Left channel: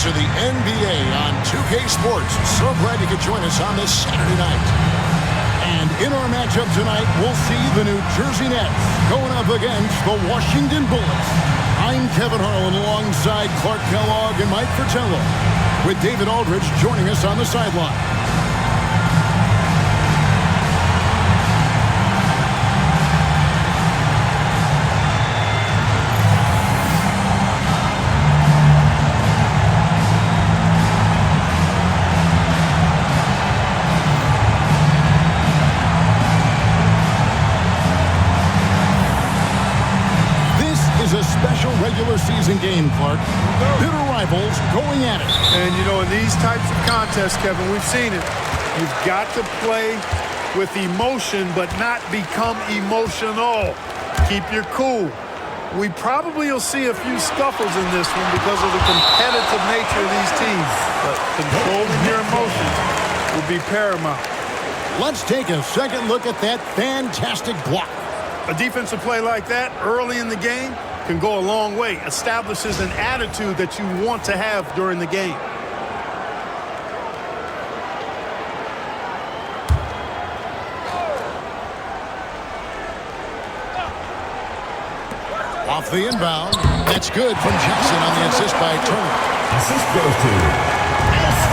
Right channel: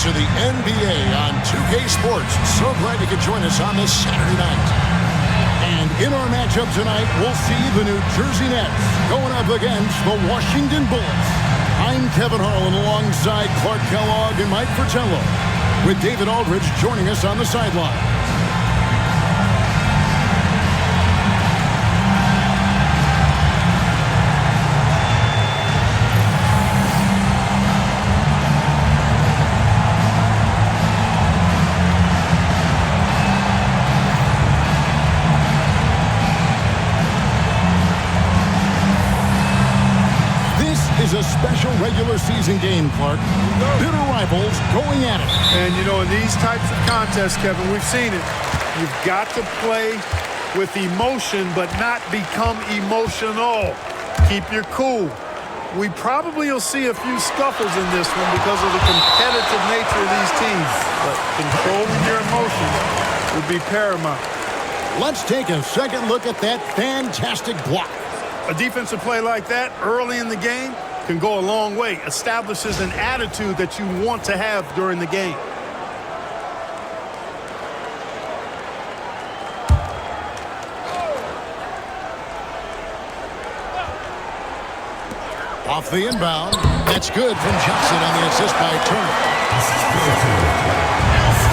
to the NBA on 2K Sports. So glad you could join us on this Saturday night. And in our matchup tonight, we'll see the New Jersey Nets going up against the Washington Bullets. I'm Kevin Harlan alongside Clark Kellogg and Mike Fratello, with David Aldridge joining us on the sideline. Is a special regular season game, Clark. Bitter rivals going at it. And, you know, in these types of contests, Kevin, we've seen it. You've got to play with emotion, but not become emotional. Keep your cool. We probably will see a few scuffles in this one because of the competitive nature of these teams. But controlling your emotions will be paramount. Let's take a second look at that fantastic block. A defensive play like that early in the game can go a long way. Establishes an attitude that you want to have during the game. Off the inbound. That's good from Johnson on the assist by Turner.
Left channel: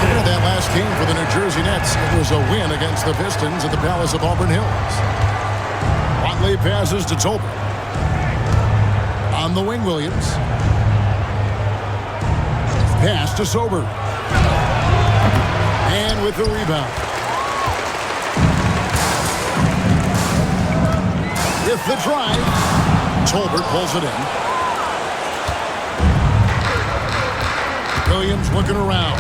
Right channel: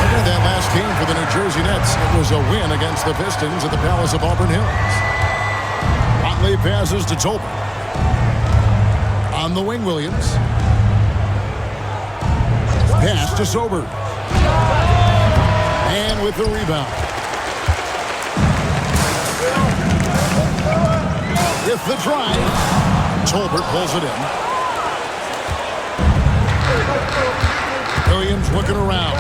Look at that last game for the New Jersey Nets. It was a win against the Pistons at the Palace of Auburn Hills. Watley passes to Tolbert. On the wing, Williams. Pass to Sober. And with the rebound. With the drive. Tolbert pulls it in. Williams looking around.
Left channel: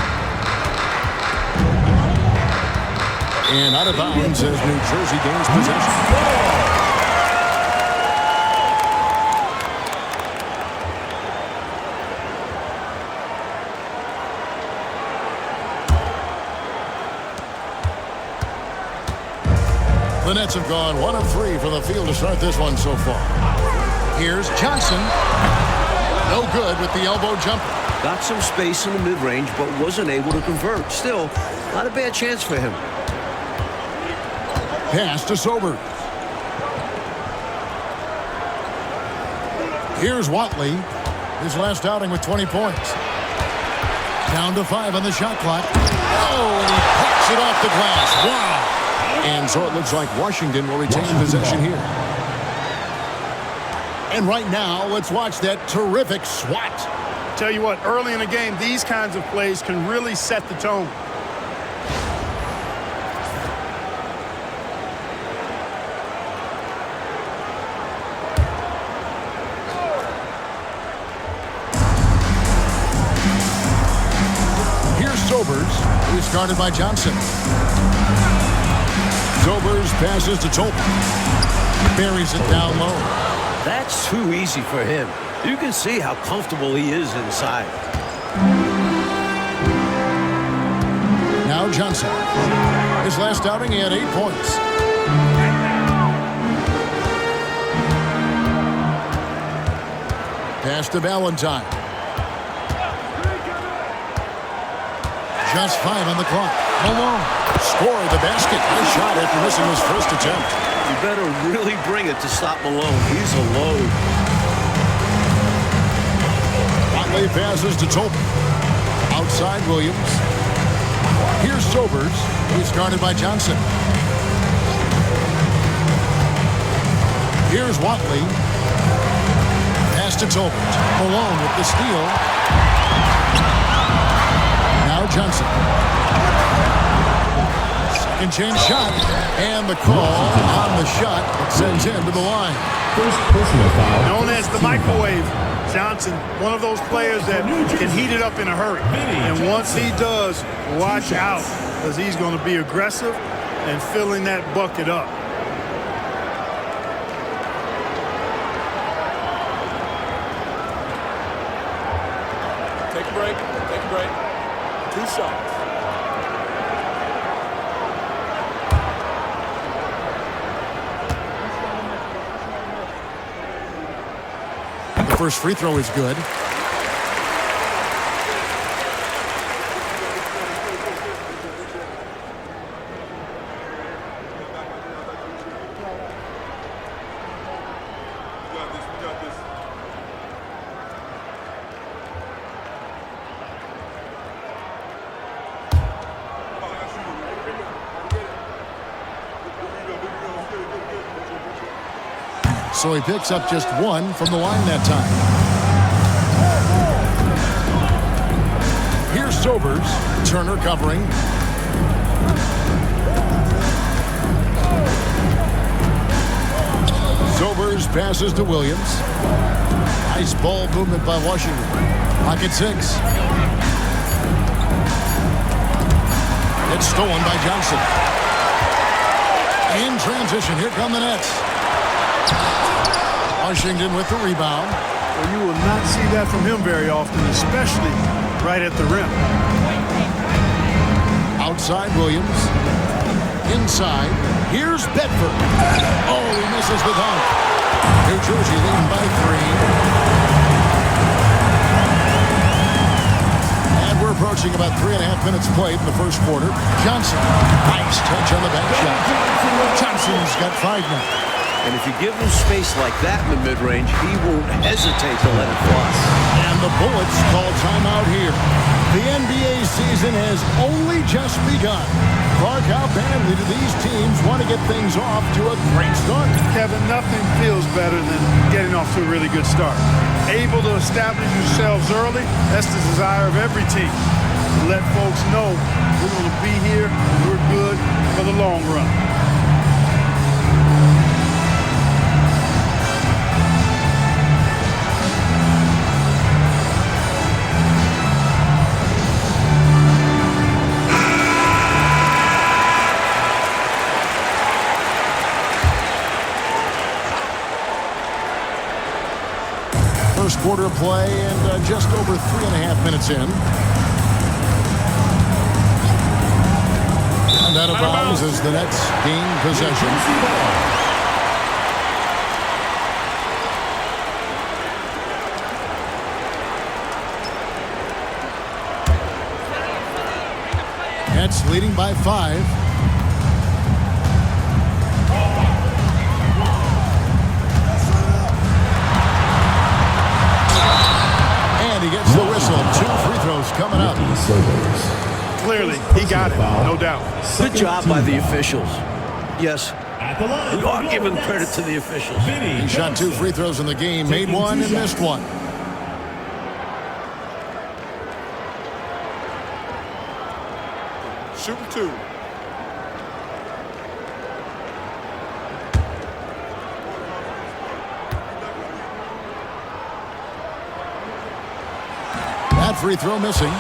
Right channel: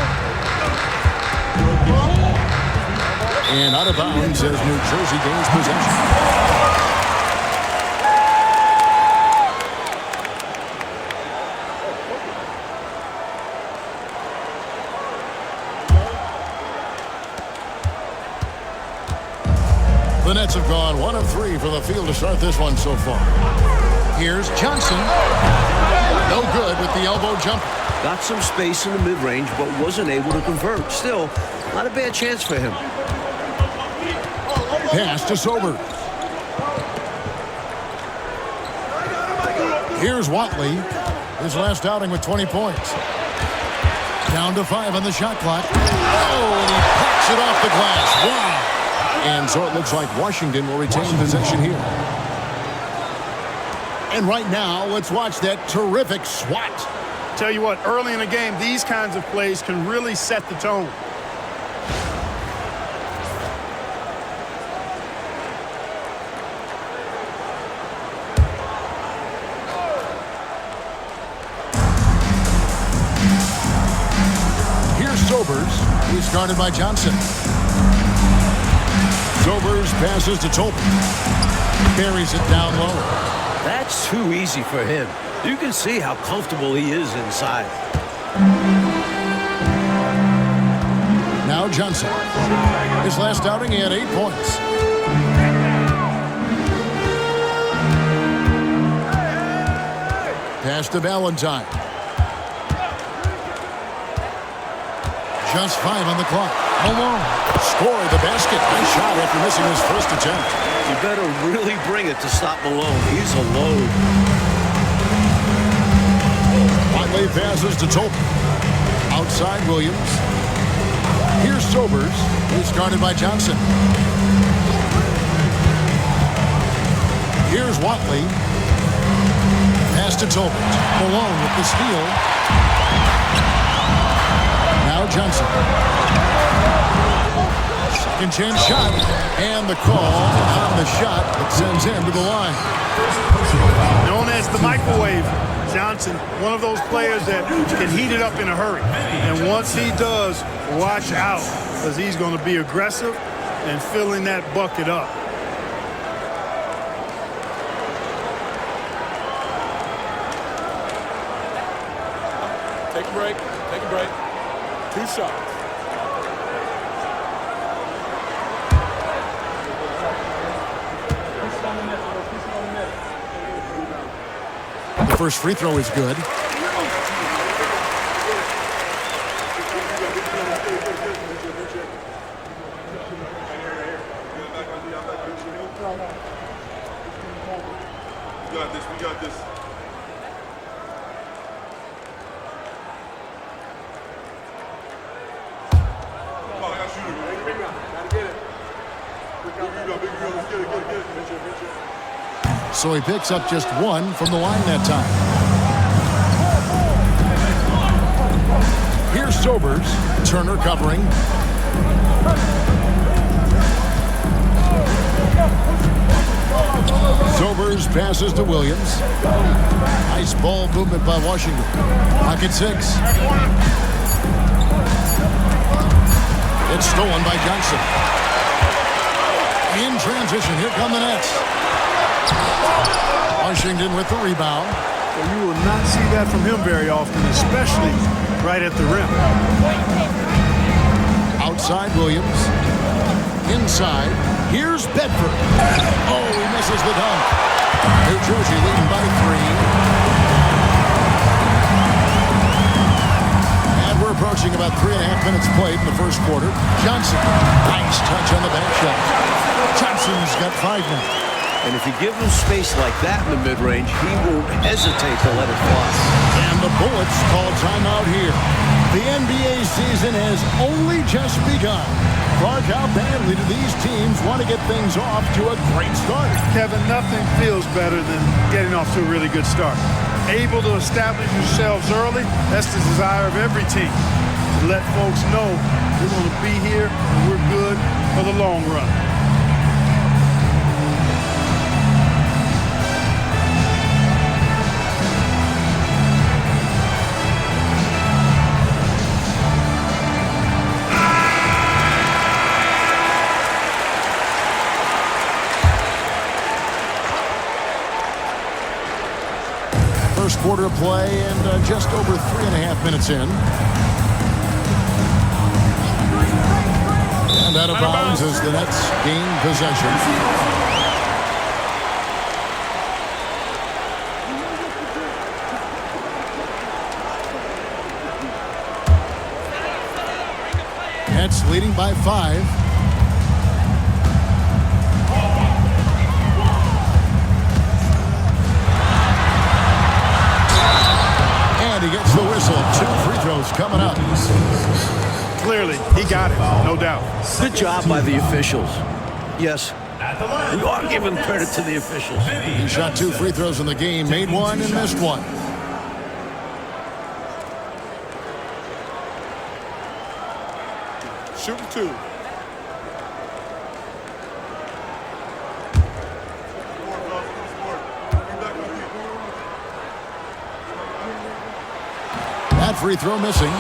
And out of bounds as New Jersey gains possession. The Nets have gone 1 of 3 from the field to start this one so far. Here's Johnson. No good with the elbow jumper. Got some space in the mid-range, but wasn't able to convert. Still, not a bad chance for him. Pass to Sober. Here's Watley. His last outing with 20 points. Down to 5 on the shot clock. Oh, and he picks it off the glass. Wow. And so it looks like Washington will retain possession here. And right now, let's watch that terrific swat. Tell you what, early in the game, these kinds of plays can really set the tone. Here's Sobers, who's guarded by Johnson. Sobers passes to Tolbert. Buries it down low. That's too easy for him. You can see how comfortable he is inside. Now Johnson. His last outing, he had 8 points. Pass to Valentine. Just 5 on the clock. Malone scored the basket. Nice shot after missing his first attempt. You better really bring it to stop Malone. He's a load. Watley passes to Tolbert. Outside Williams. Here's Sobers. He's guarded by Johnson. Here's Watley. Pass to Tolbert. Malone with the steal. Now Johnson. Second chance shot. And the call on the shot that sends him to the line. First personal foul. Known as the microwave, Johnson, one of those players that can heat it up in a hurry. And once he does, watch out, because he's going to be aggressive and filling that bucket up. Take a break. Take a break. 2 shots. The first free throw is good. So he picks up just one from the line that time. Here's Sobers. Turner covering. Sobers passes to Williams. Nice ball movement by Washington. Pocket 6. It's stolen by Johnson. In transition, here come the Nets. Washington with the rebound. Well, you will not see that from him very often, especially right at the rim. Outside Williams. Inside. Here's Bedford. Oh, he misses the dunk. New Jersey leading by 3. And we're approaching about 3.5 minutes played in the first quarter. Johnson. Nice touch on the bank shot. Johnson's got 5 now. And if you give him space like that in the mid-range, he won't hesitate to let it fly. And the Bullets call timeout here. The NBA season has only just begun. Clark, how badly do these teams want to get things off to a great start? Kevin, nothing feels better than getting off to a really good start. Able to establish yourselves early, that's the desire of every team. To let folks know we're going to be here and we're good for the long run. First quarter of play and just over 3.5 minutes in. And out of bounds as the Nets gain possession. Nets leading by 5. And he gets the whistle. 2 free throws coming up. Clearly, he got it, no doubt. Good job by the officials. Yes, we are giving credit to the officials. He shot 2 free throws in the game, made 1 and missed 1. Shooting 2. That free throw missing.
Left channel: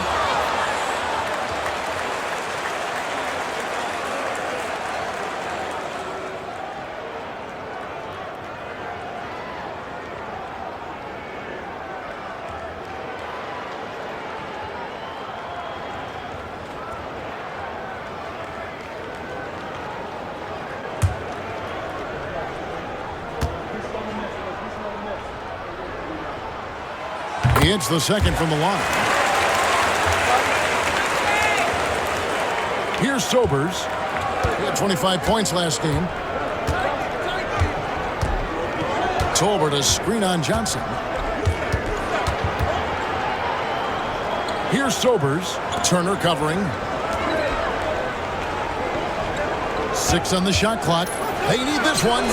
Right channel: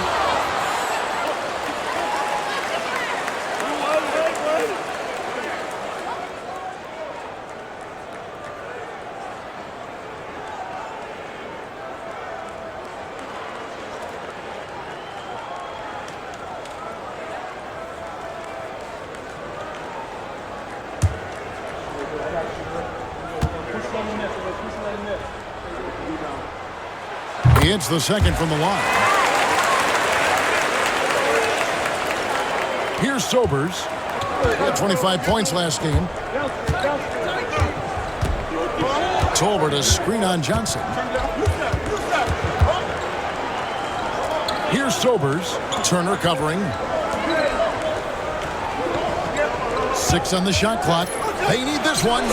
He hits the second from the line. Here's Sobers. He had 25 points last game. Tolbert a screen on Johnson. Here's Sobers. Turner covering. 6 on the shot clock. They need this one.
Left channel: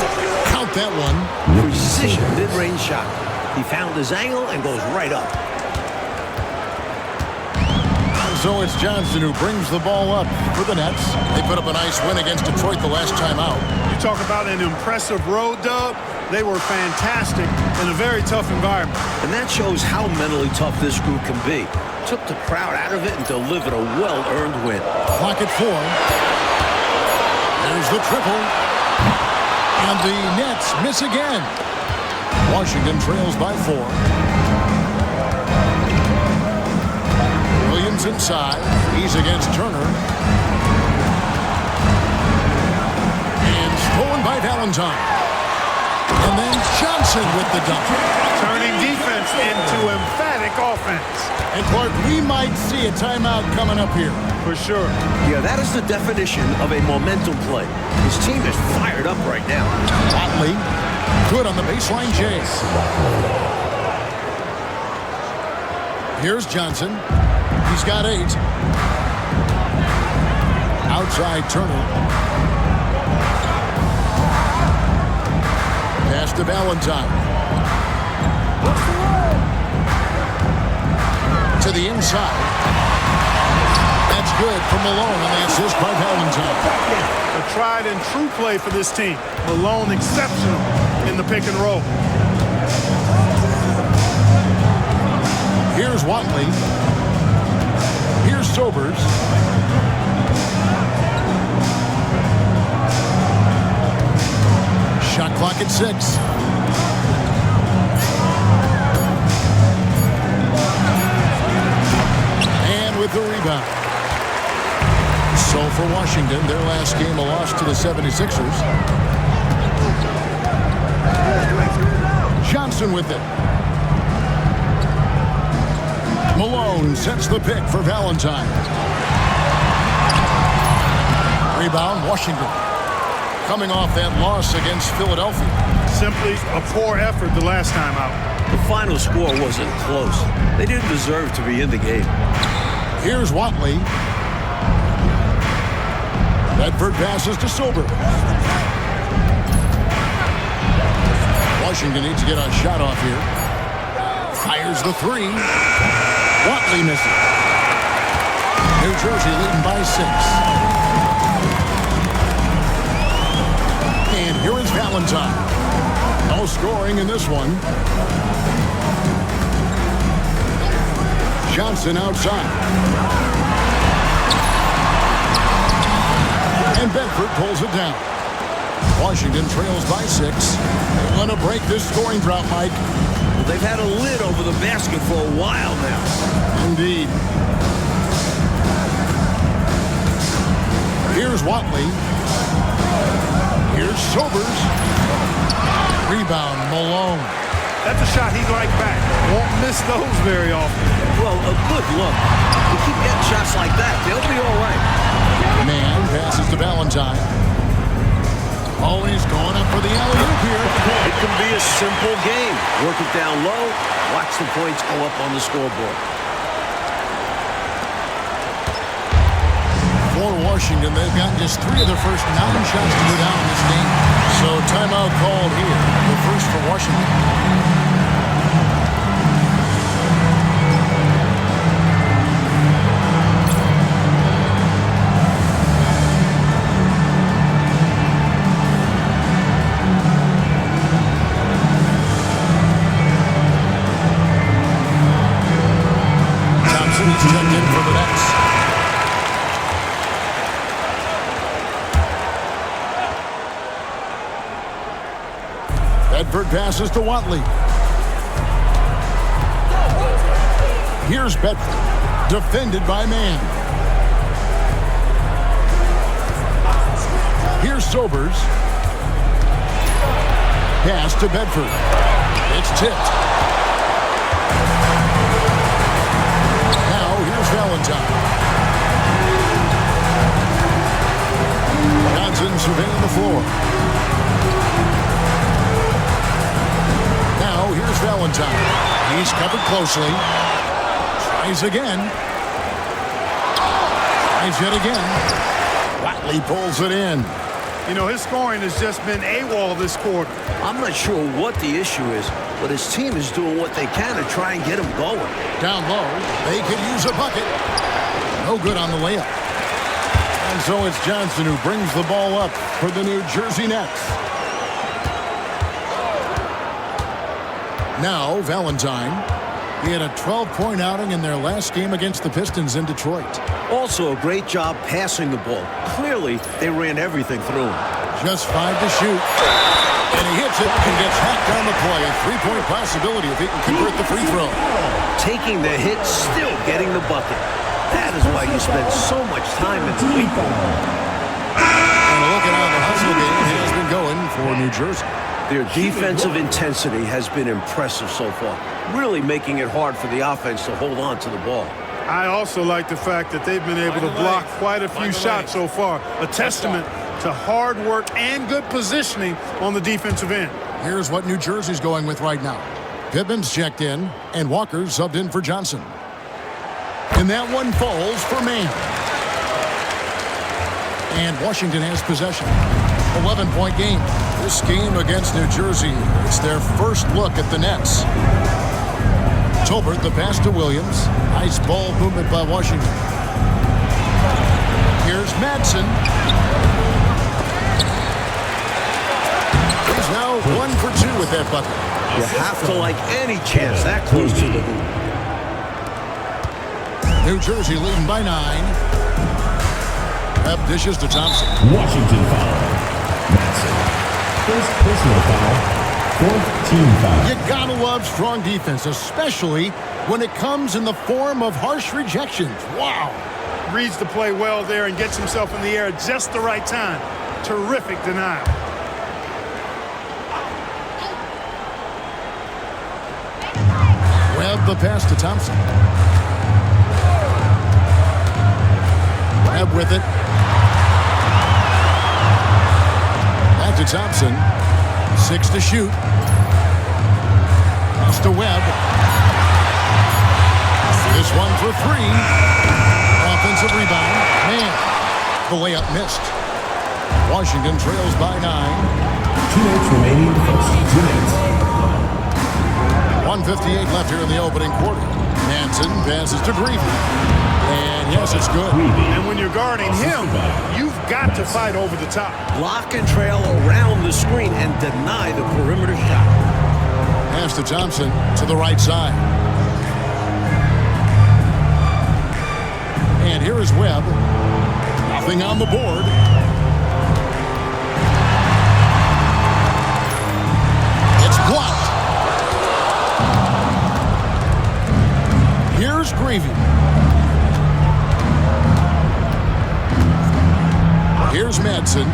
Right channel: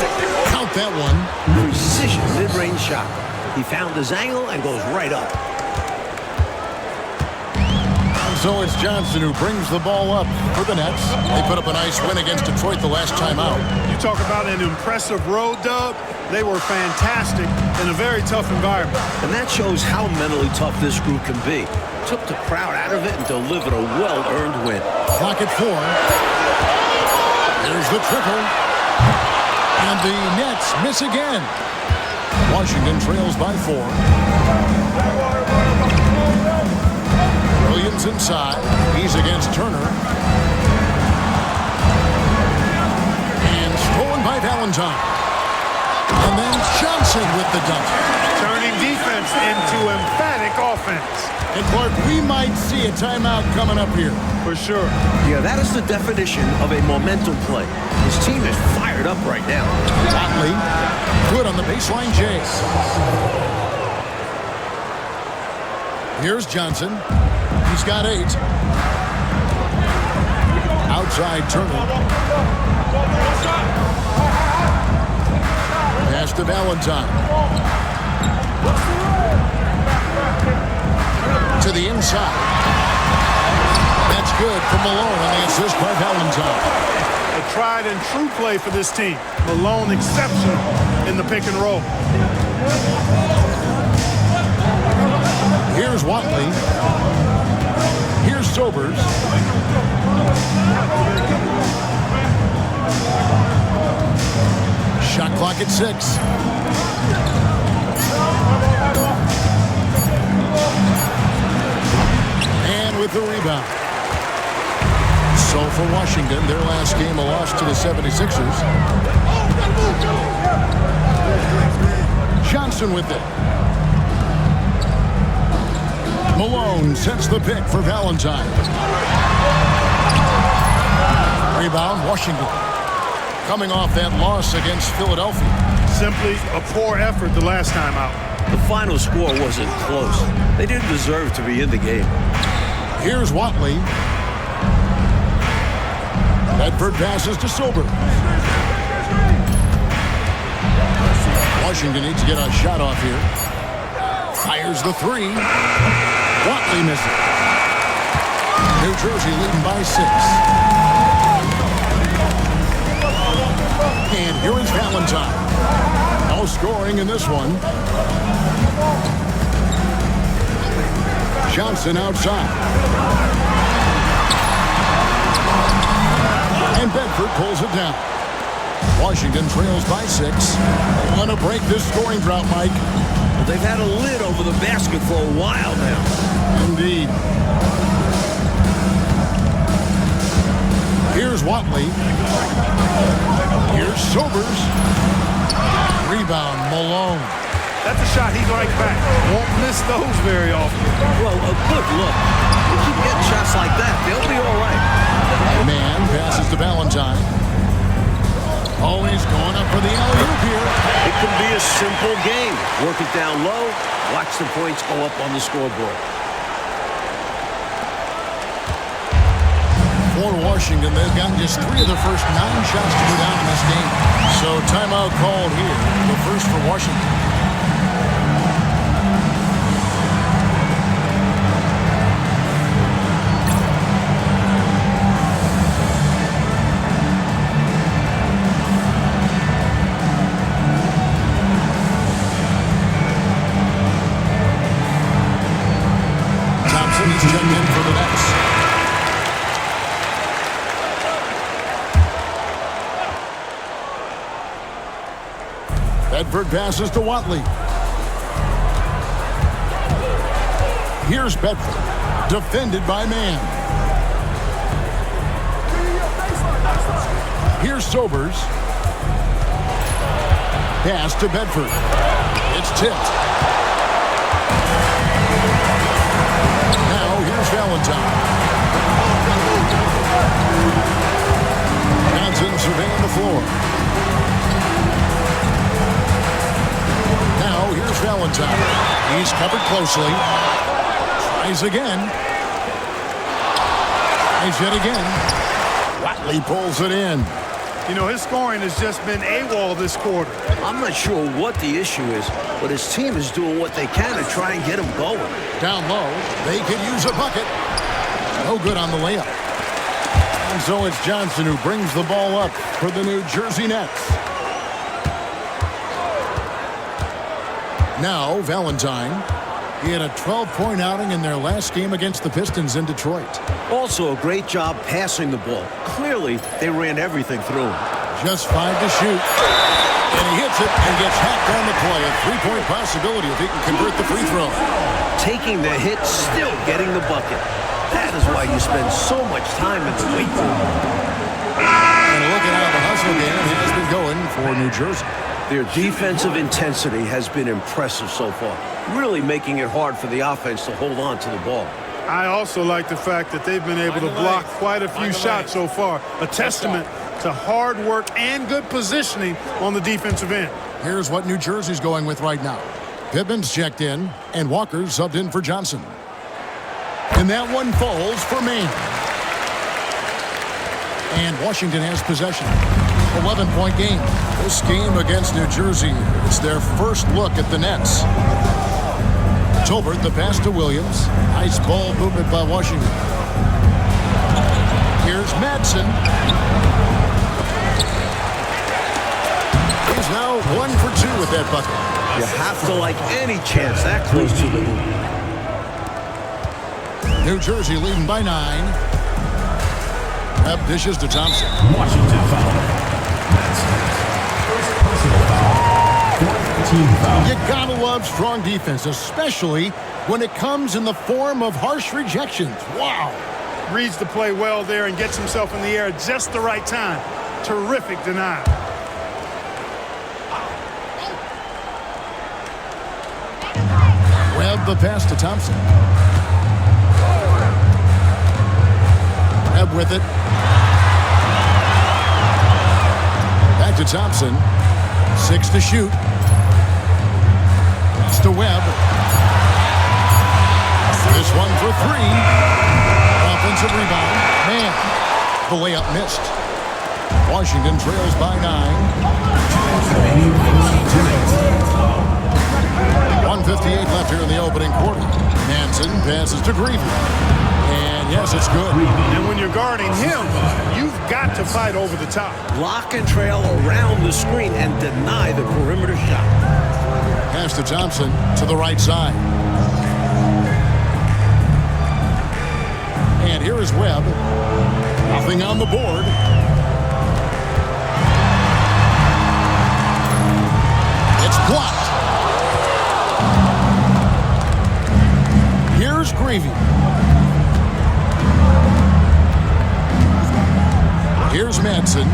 Count that one. Precision mid-range shot. He found his angle and goes right up. And so it's Johnson who brings the ball up for the Nets. They put up a nice win against Detroit the last time out. You talk about an impressive road dub. They were fantastic in a very tough environment. And that shows how mentally tough this group can be. Took the crowd out of it and delivered a well-earned win. Clock at 4. There's the triple. And the Nets miss again. Washington trails by 4. Williams inside. He's against Turner. And stolen by Valentine. And then Johnson with the dunk. Turning defense into emphatic offense. And Clark, we might see a timeout coming up here. For sure. Yeah, that is the definition of a momentum play. His team is fired up right now. Watley, good on the baseline, Jay. Here's Johnson. He's got 8. Outside Turner. Pass to Valentine. To the inside. That's good for Malone on the assist by Valentine. A tried and true play for this team. Malone exceptional in the pick and roll. Here's Watley. Here's Sobers. Shot clock at 6. And with the rebound. So for Washington, their last game a loss to the 76ers. Johnson with it. Malone sets the pick for Valentine. Rebound, Washington. Coming off that loss against Philadelphia. Simply a poor effort the last time out. The final score wasn't close. They didn't deserve to be in the game. Here's Watley. Bedford passes to Sobers. Washington needs to get a shot off here. Fires the 3. Watley misses. New Jersey leading by 6. And here is Valentine. No scoring in this one. Johnson outside. And Bedford pulls it down. Washington trails by 6. They want to break this scoring drought, Mike. Well, they've had a lid over the basket for a while now. Indeed. Here's Watley. Here's Sobers. Rebound, Malone. That's a shot he'd like back. Won't miss those very often. Well, a good look. They keep getting shots like that. They'll be all right. Man passes to Valentine. Oh, he's going up for the alley-oop here. It can be a simple game. Work it down low. Watch the points go up on the scoreboard. For Washington, they've gotten just 3 of their first 9 shots to go down in this game. So timeout called here. The first for Washington. He's checked in for the Nets. Bedford passes to Watley. Here's Bedford, defended by Man. Here's Sobers. Pass to Bedford. It's tipped. Here's Valentine. Johnson surveying the floor. Now here's Valentine. He's covered closely. Tries again. Tries yet again. Watley pulls it in. You know, his scoring has just been AWOL this quarter. I'm not sure what the issue is, but his team is doing what they can to try and get him going. Down low, they could use a bucket. No good on the layup. And so it's Johnson who brings the ball up for the New Jersey Nets. Now Valentine. He had a 12-point outing in their last game against the Pistons in Detroit. Also a great job passing the ball. Clearly, they ran everything through him. Just 5 to shoot. And he hits it and gets hacked on the play. A 3-point possibility if he can convert the free throw. Taking the hit, still getting the bucket. That is why you spend so much time in the weight room. And look at how the hustle game has been going for New Jersey. Their defensive intensity has been impressive so far, really making it hard for the offense to hold on to the ball. I also like the fact that they've been able to block quite a few shots so far. A testament to hard work and good positioning on the defensive end. Here's what New Jersey's going with right now. Pittman's checked in, and Walker's subbed in for Johnson. And that one falls for Man. And Washington has possession. 11-point game. This game against New Jersey, it's their first look at the Nets. Tolbert, the pass to Williams. Nice ball movement by Washington. Here's Madsen. He's now 1 for 2 with that bucket. You have to like any chance that close to the hoop. New Jersey leading by 9. Webb dishes to Thompson. Washington foul. Madsen. First personal foul. Fourth team foul. You gotta love strong defense, especially when it comes in the form of harsh rejections. Wow. Reads the play well there and gets himself in the air at just the right time. Terrific denial. Webb the pass to Thompson. Webb with it. Back to Thompson. 6 to shoot. Pass to Webb. This one for 3. Offensive rebound. Man, the layup missed. Washington trails by 9. 2 minutes remaining. First 2 minutes. 1:58 left here in the opening quarter. Manson passes to Greavy. And yes, it's good. And when you're guarding him, you've got to fight over the top. Lock and trail around the screen and deny the perimeter shot. Pass to Thompson to the right side. And here is Webb. Nothing on the board. It's blocked. Here's Greavy. Here's Madsen.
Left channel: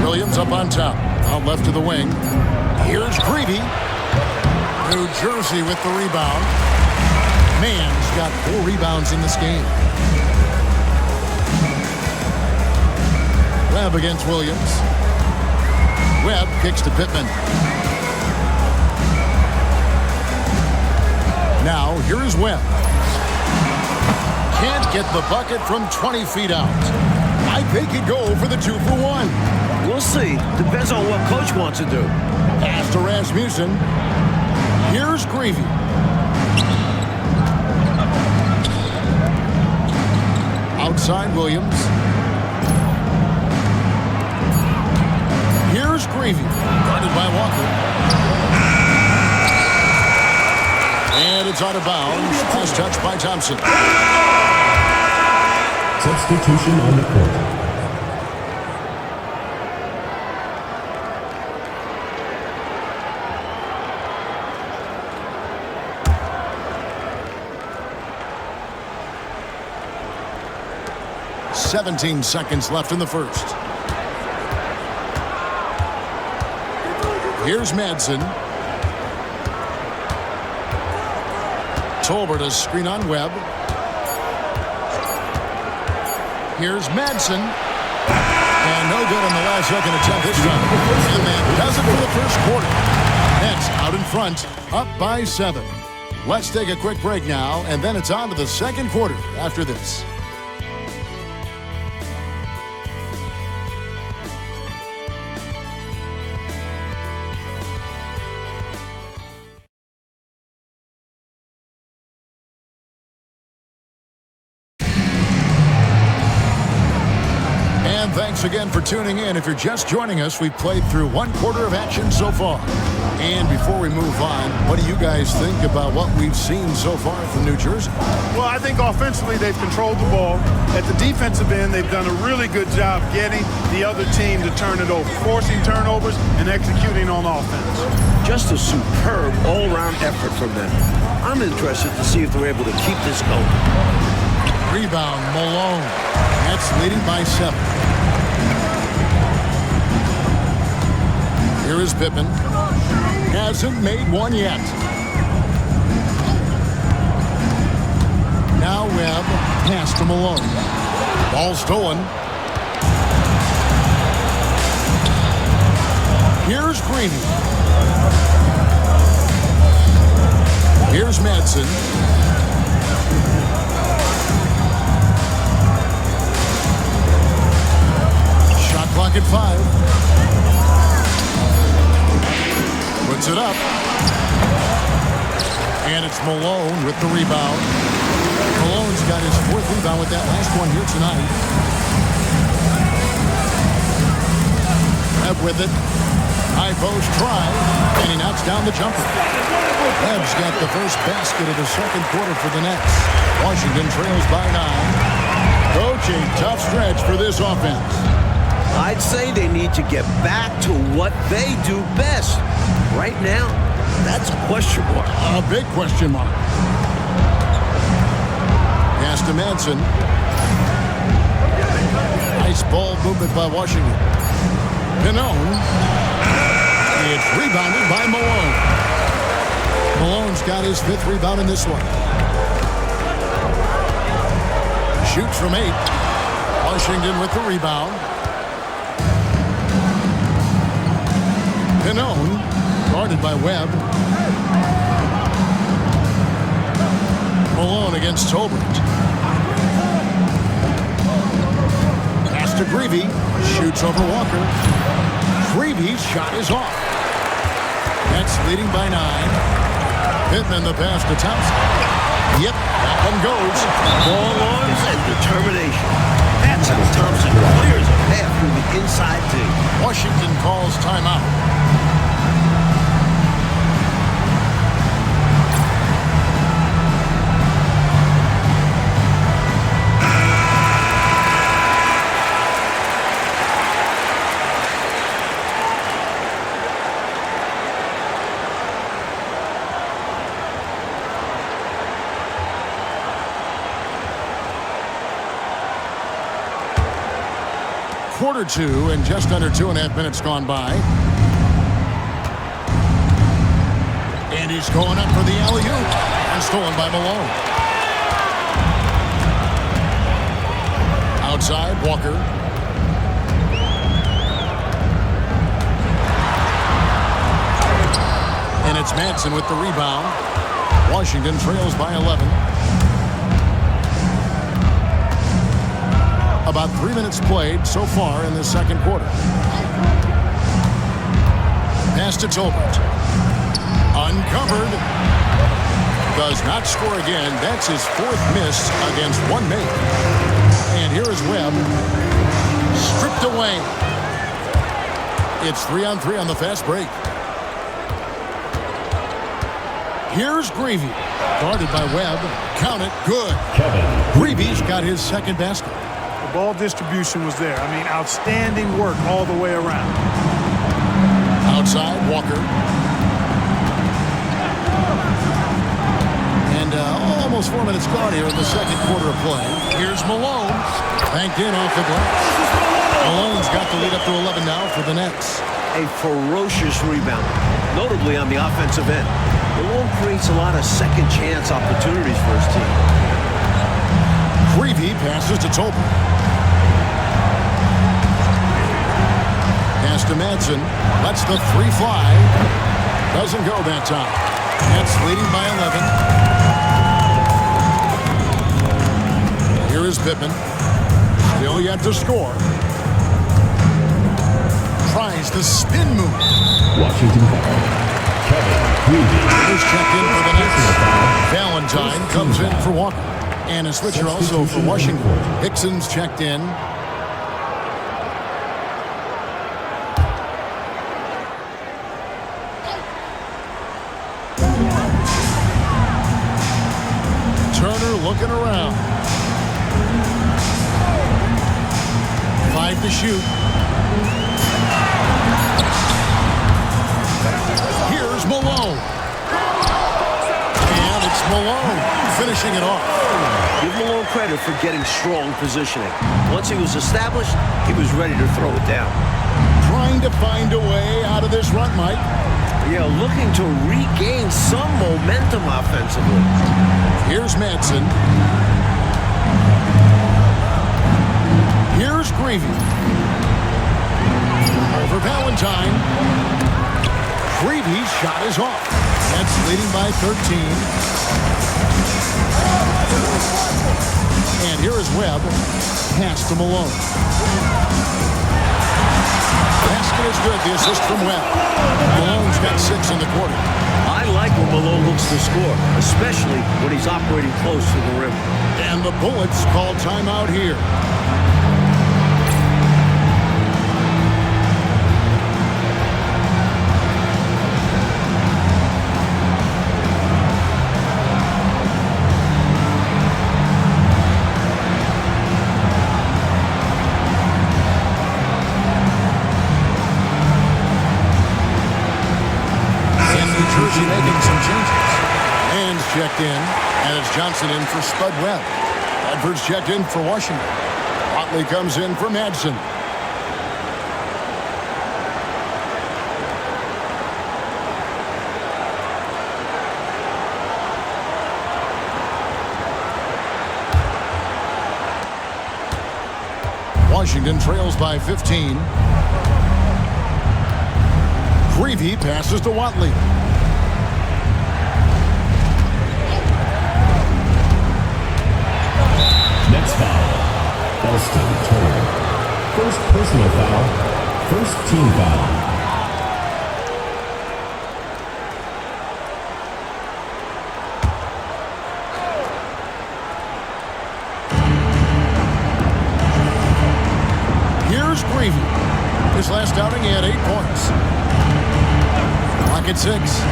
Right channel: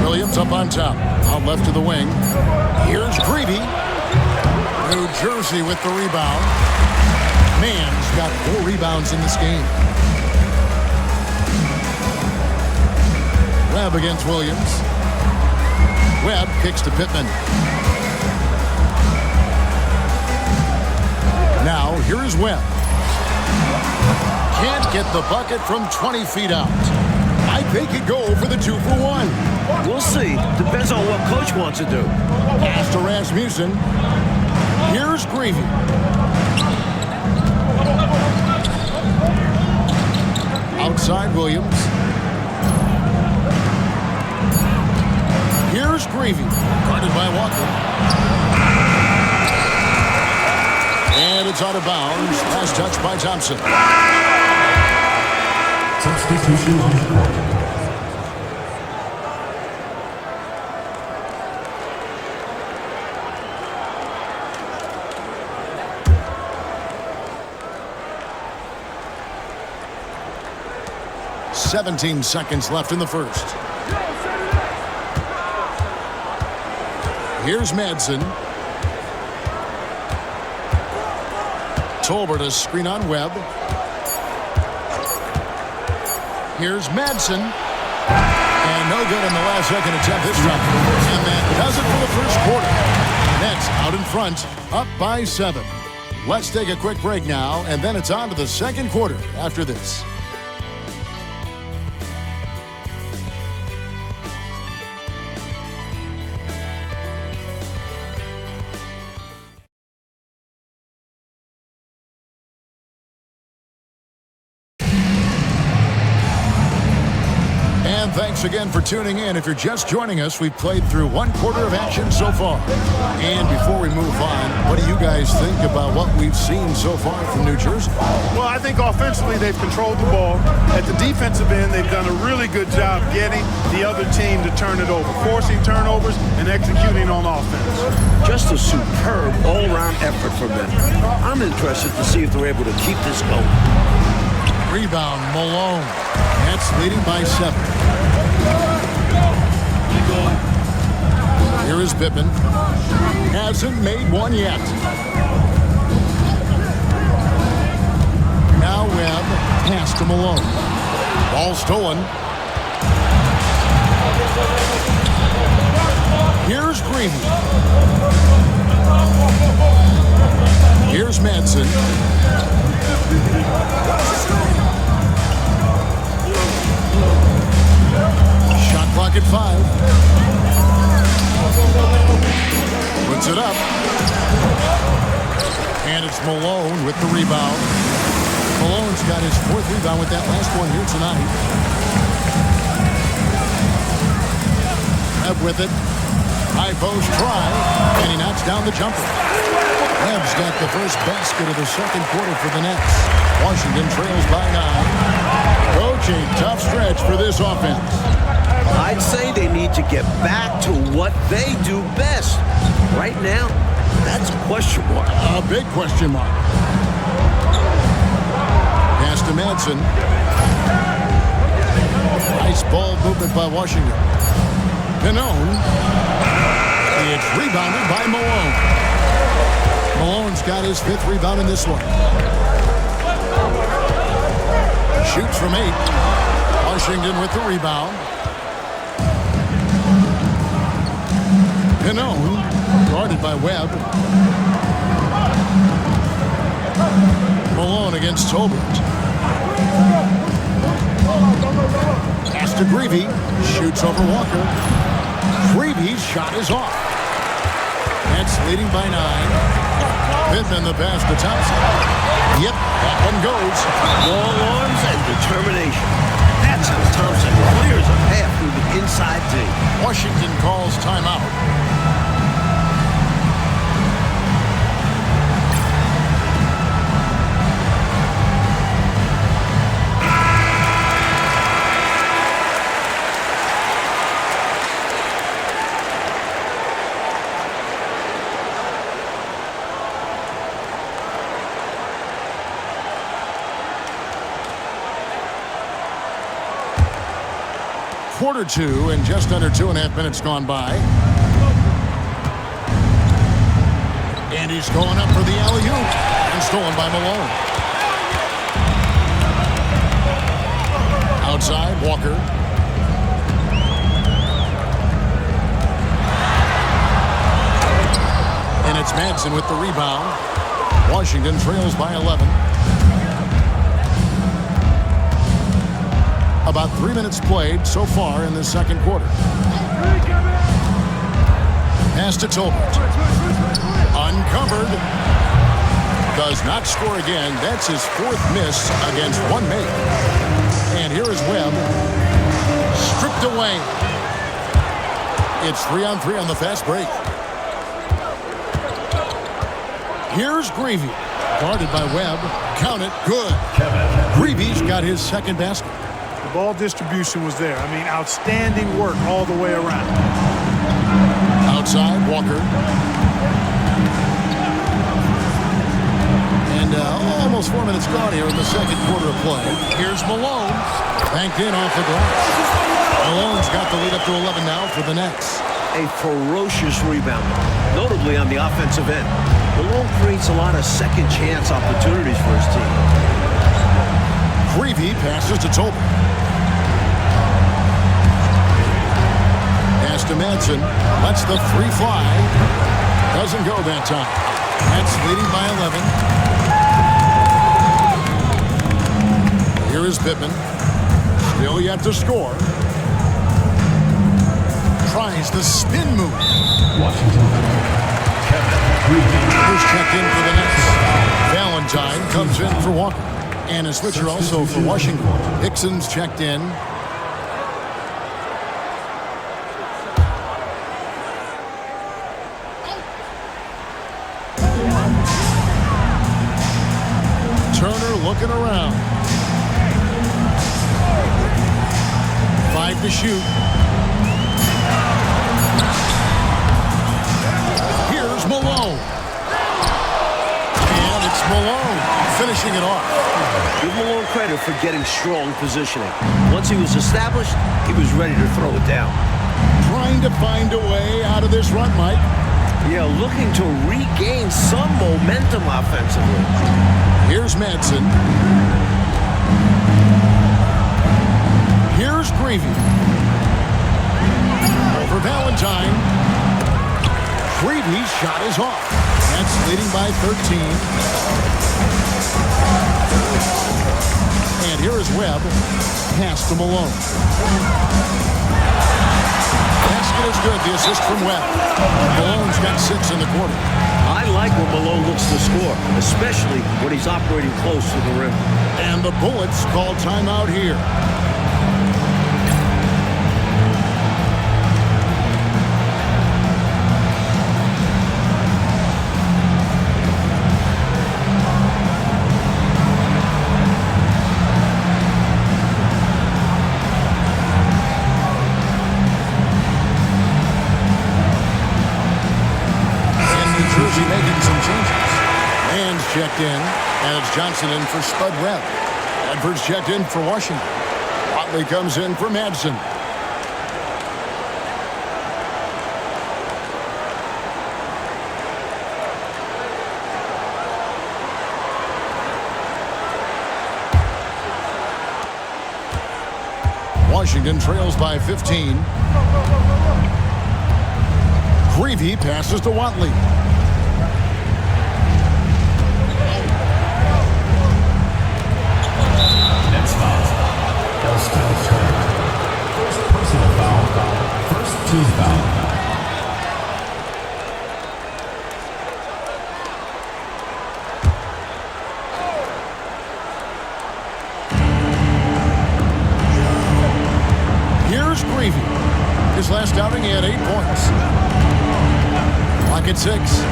Williams up on top. Out left to the wing. Here's Greavy. New Jersey with the rebound. Mann's got 4 rebounds in this game. Webb against Williams. Webb kicks to Pittman. Now, here is Webb. Can't get the bucket from 20 feet out. I think he'd go for the 2 for 1. We'll see. Depends on what coach wants to do. Pass to Rasmussen. Here's Greavy. Outside Williams. Here's Greavy. Guarded by Walker. And it's out of bounds. Last touch by Thompson. Substitution on the court. "17 seconds left in the first. Here's Madsen. Tolbert a screen on Webb. Here's Madsen. And no good on the last second attempt this time. And that does it for the first quarter. Nets out in front, up by 7. Let's take a quick break now, and then it's on to the second quarter after this. And thanks again for tuning in. If you're just joining us, we've played through 1 quarter of action so far. And before we move on, what do you guys think about what we've seen so far from New Jersey? Well, I think offensively they've controlled the ball. At the defensive end, they've done a really good job getting the other team to turn it over, forcing turnovers and executing on offense. Just a superb all-around effort from them. I'm interested to see if they're able to keep this going. Rebound, Malone. Nets leading by 7. Here is Pittman. Hasn't made one yet. Now Webb. Pass to Malone. Ball stolen. Here's Greavy. Here's Madsen. Shot clock at 5. Puts it up. And it's Malone with the rebound. Malone's got his 4th rebound with that last one here tonight. Webb with it. High post try. And he knocks down the jumper. Webb's got the first basket of the second quarter for the Nets. Washington trails by 9. Coach, a tough stretch for this offense. I'd say they need to get back to what they do best. Right now, that's a question mark. A big question mark. Pass to Madsen. Nice ball movement by Washington. Pannone. It's rebounded by Malone. Malone's got his 5th rebound in this one. Shoots from 8. Washington with the rebound. Pannone, guarded by Webb. Malone against Tolbert. Pass to Greavy. Shoots over Walker. Greavy's shot is off. Nets leading by 9. Pittman the pass to Thompson. Yep, that one goes. Long arms and determination. That's how Thompson clears a path through the inside D. Washington calls timeout. Quarter 2 and just under 2.5 minutes gone by. And he's going up for the alley-oop. And stolen by Malone. Outside, Walker. And it's Madsen with the rebound. Washington trails by 11. About 3 minutes played so far in the second quarter. Pass to Tolbert. Uncovered. Does not score again. That's his 4th miss against one make. And here is Webb. Stripped away. It's 3-on-3 on the fast break. Here's Greavy. Guarded by Webb. Count it. Good. Greavy's got his 2nd basket. The ball distribution was there. I mean, outstanding work all the way around. Outside, Walker. And almost 4 minutes gone here in the second quarter of play. Here's Malone. Banked in off the glass. Malone's got the lead up to 11 now for the Nets. A ferocious rebounder, notably on the offensive end. Malone creates a lot of second chance opportunities for his team. Greavy passes to Tolbert. Pass to Madsen. Lets the 3 fly. Doesn't go that time. Nets leading by 11. Here is Pittman. Still yet to score. Tries the spin move. Washington. Kevin Greavy. Who's checked in for the Nets. Valentine comes in for Walker. And a switcher also for Washington. Hickson's checked in. Turner looking around. 5 to shoot. Here's Malone. And it's Malone finishing it off. Give Malone credit for getting strong positioning. Once he was established, he was ready to throw it down. Trying to find a way out of this run, Mike. Yeah, looking to regain some momentum offensively. Here's Madsen. Here's Greavy. Over Valentine. Creevy's shot is off. Nets leading by 13. And here is Webb. Pass to Malone. Basket is good. The assist from Webb. Malone's got 6 in the quarter. I like when Malone looks to score, especially when he's operating close to the rim. And the Bullets call timeout here. Jersey making some changes. Mann's checked in, and it's Johnson in for Spud Webb. Edwards checked in for Washington. Watley comes in for Madsen. Washington trails by 15. Creevy passes to Watley. Next foul, Elston Turner. First personal foul, first team foul. Here's Creevy. His last outing, he had 8 points. Clock at 6.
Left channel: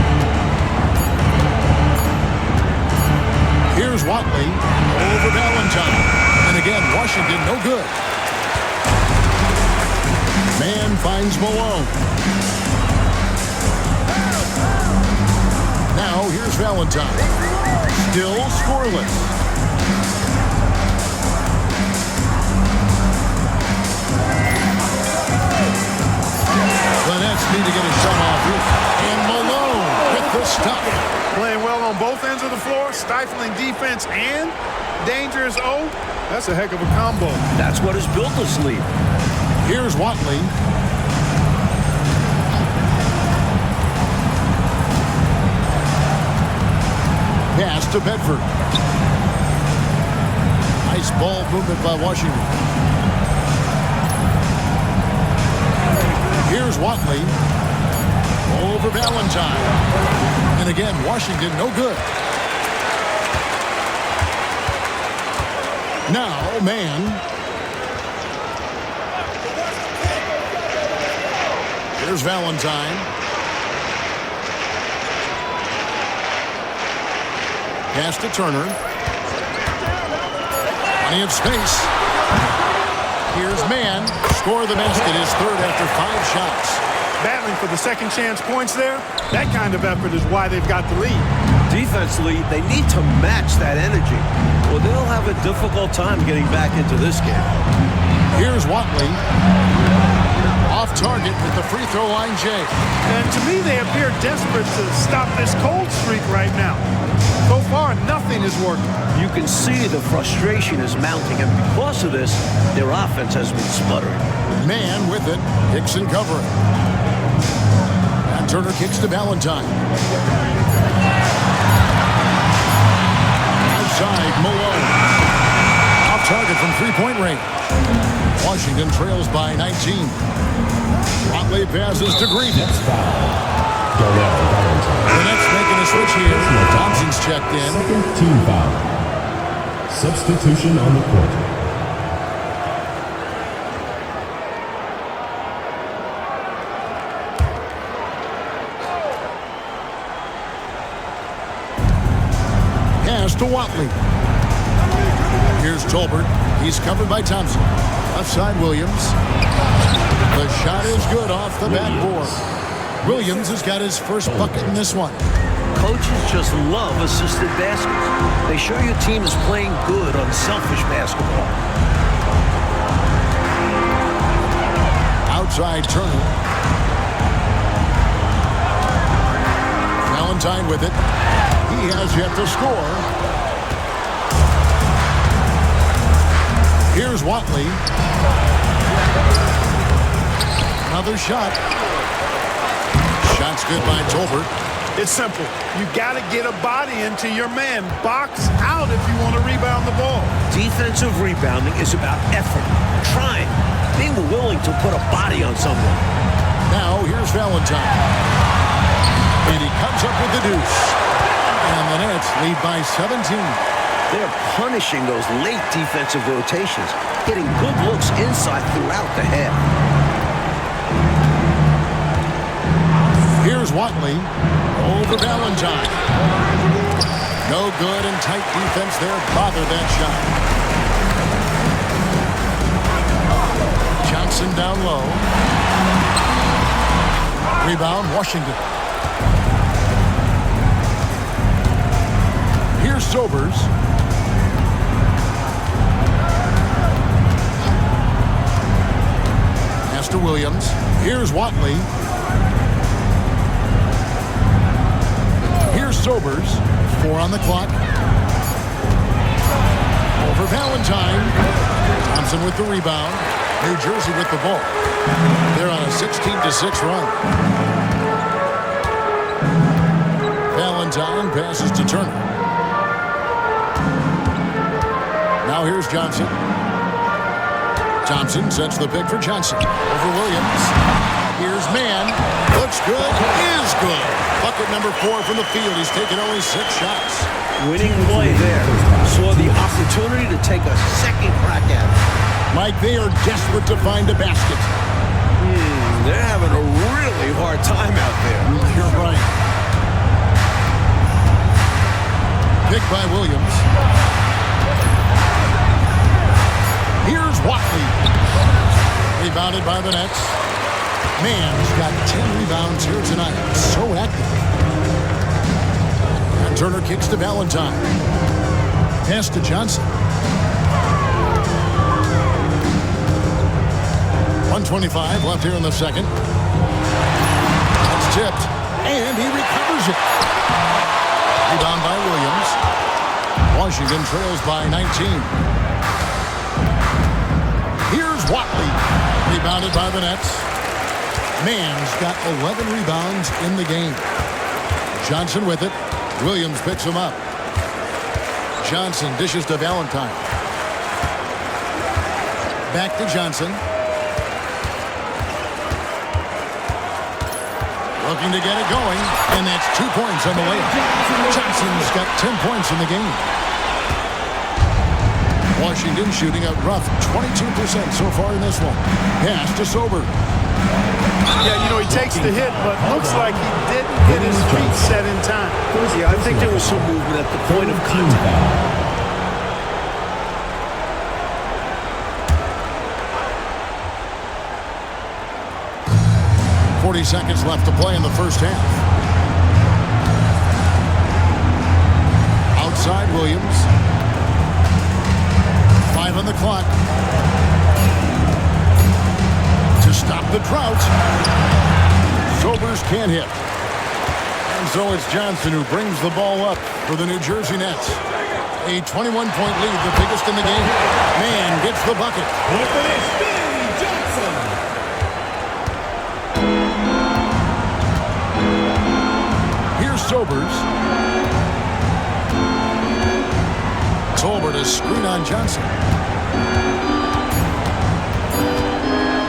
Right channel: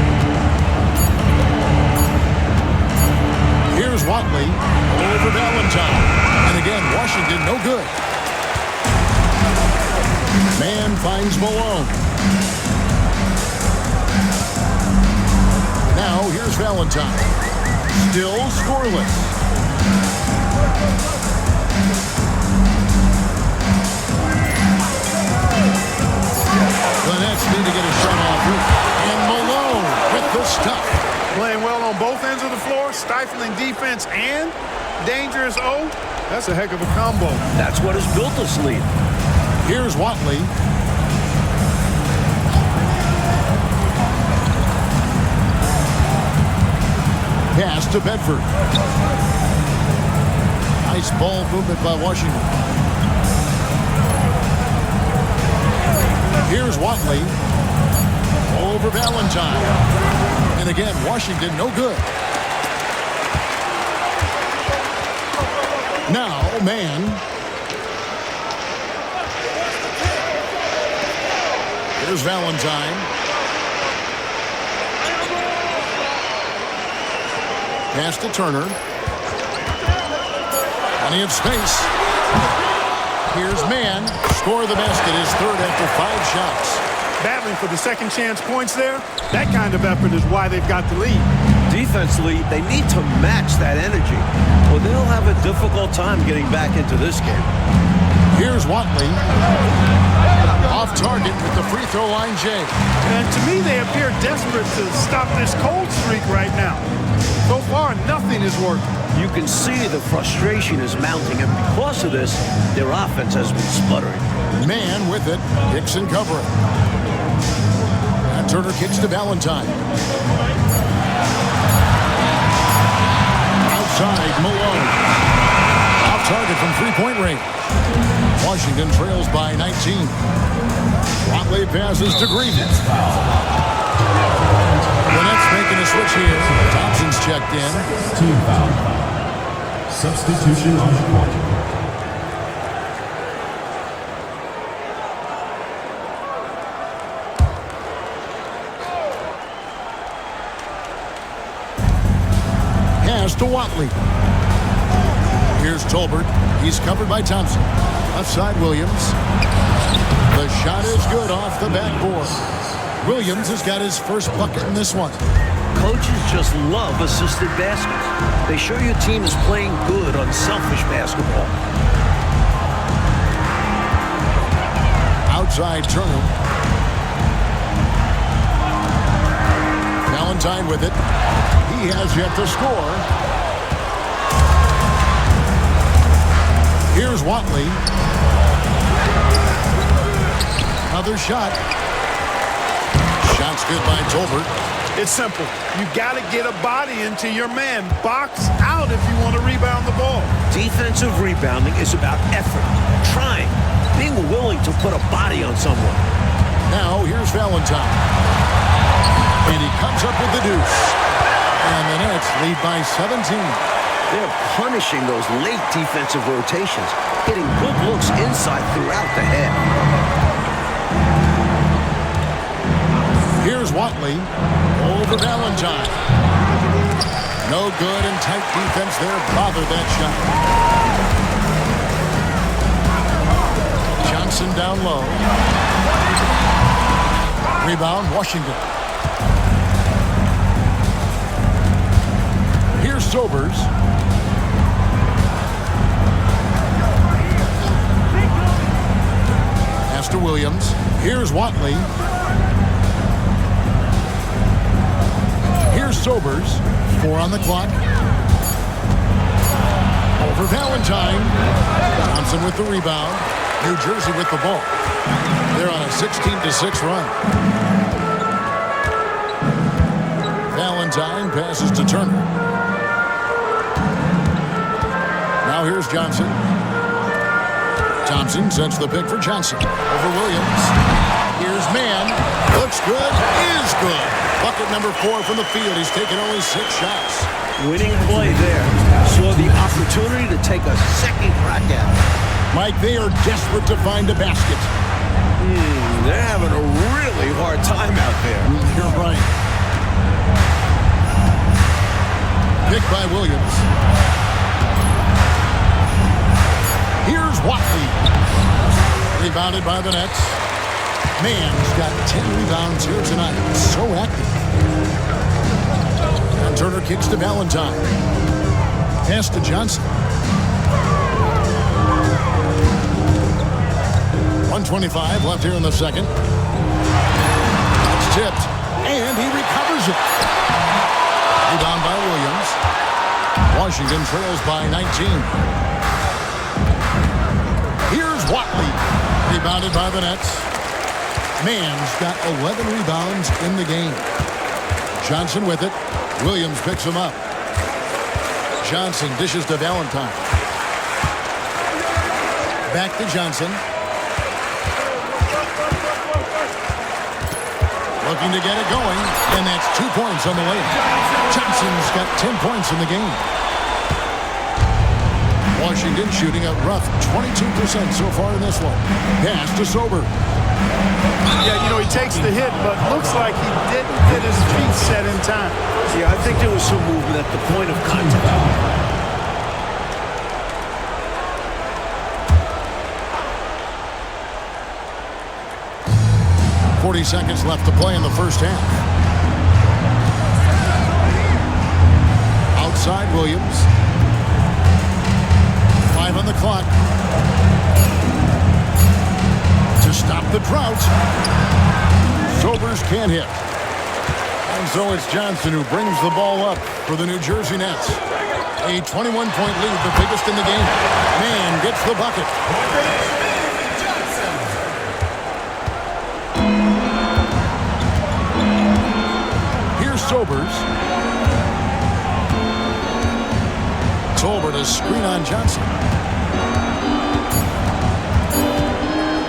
Here's Watley over Valentine. And again, Washington no good. Mann finds Malone. Now here's Valentine. Still scoreless. The Nets need to get a shot off here. And Malone with the stuff. Playing well on both ends of the floor, stifling defense and dangerous O. That's a heck of a combo. That's what has built this lead. Here's Watley. Pass to Bedford. Nice ball movement by Washington. Here's Watley over Valentine. And again, Washington no good. Now, Mann. Here's Valentine. Pass to Turner. Plenty of space. Here's Mann. Score the basket, his third after 5 shots. Battling for the second chance points there. That kind of effort is why they've got the lead. Defensively, they need to match that energy, or they'll have a difficult time getting back into this game. Here's Watley. Off target with the free throw line, Jay. And to me, they appear desperate to stop this cold streak right now. So far, nothing is working. You can see the frustration is mounting, and because of this, their offense has been sputtering. Mann with it. Hickson covering. And Turner kicks to Valentine. Outside, Malone. Off target from three-point range. Washington trails by 19. Watley passes to Green. The Nets making a switch here. Thompson's checked in. Second team foul. Substitution on the court. Pass to Watley. Here's Tolbert. He's covered by Thompson. Outside Williams. The shot is good off the backboard. Williams has got his first bucket in this one. Coaches just love assisted baskets. They show your team is playing good, unselfish basketball. Outside Turner. Valentine with it. He has yet to score. Here's Watley. Another shot. Shot's good by Tolbert. It's simple. You got to get a body into your man. Box out if you want to rebound the ball. Defensive rebounding is about effort, trying, being willing to put a body on someone. Now here's Valentine. And he comes up with the deuce. And the Nets lead by 17. They're punishing those late defensive rotations, getting good looks inside throughout the half. Here's Watley over Valentine. No good, and tight defense there bothered that shot. Johnson down low. Rebound, Washington. Here's Sobers. Pass to Williams. Here's Watley. Here's Sobers. 4 on the clock. Over Valentine. Thompson with the rebound. New Jersey with the ball. They're on a 16-6 run. Valentine passes to Turner. Now here's Johnson. Thompson sets the pick for Johnson. Over Williams. Here's Mann. Looks good. Is good. Bucket number 4 from the field. He's taken only 6 shots. Winning play there. Saw the opportunity to take a second crack at it. Mike, they are desperate to find a basket. They're having a really hard time out there. You're right. Picked by Williams. Here's Watley. Rebounded by the Nets. Mann's got 10 rebounds here tonight. So active. And Turner kicks to Valentine. Pass to Johnson. 1:25 left here in the second. That's tipped. And he recovers it. Rebound by Williams. Washington trails by 19. Here's Watley. Rebounded by the Nets. Mann's got 11 rebounds in the game. Johnson with it. Williams picks him up. Johnson dishes to Valentine. Back to Johnson. Looking to get it going, and that's 2 points on the layup. Johnson's got 10 points in the game. Washington shooting a rough 22% so far in this one. Pass to Sober. Yeah, you know, he takes the hit, but looks like he didn't get his feet set in time. Yeah, I think there was some movement at the point of contact. 40 seconds left to play in the first half. Outside Williams. 5 on the clock. To stop the drought. Sobers can't hit. And so it's Johnson who brings the ball up for the New Jersey Nets. A 21-point lead, the biggest in the game. Mann gets the bucket. Here's Sobers. Tolbert a screen on Johnson.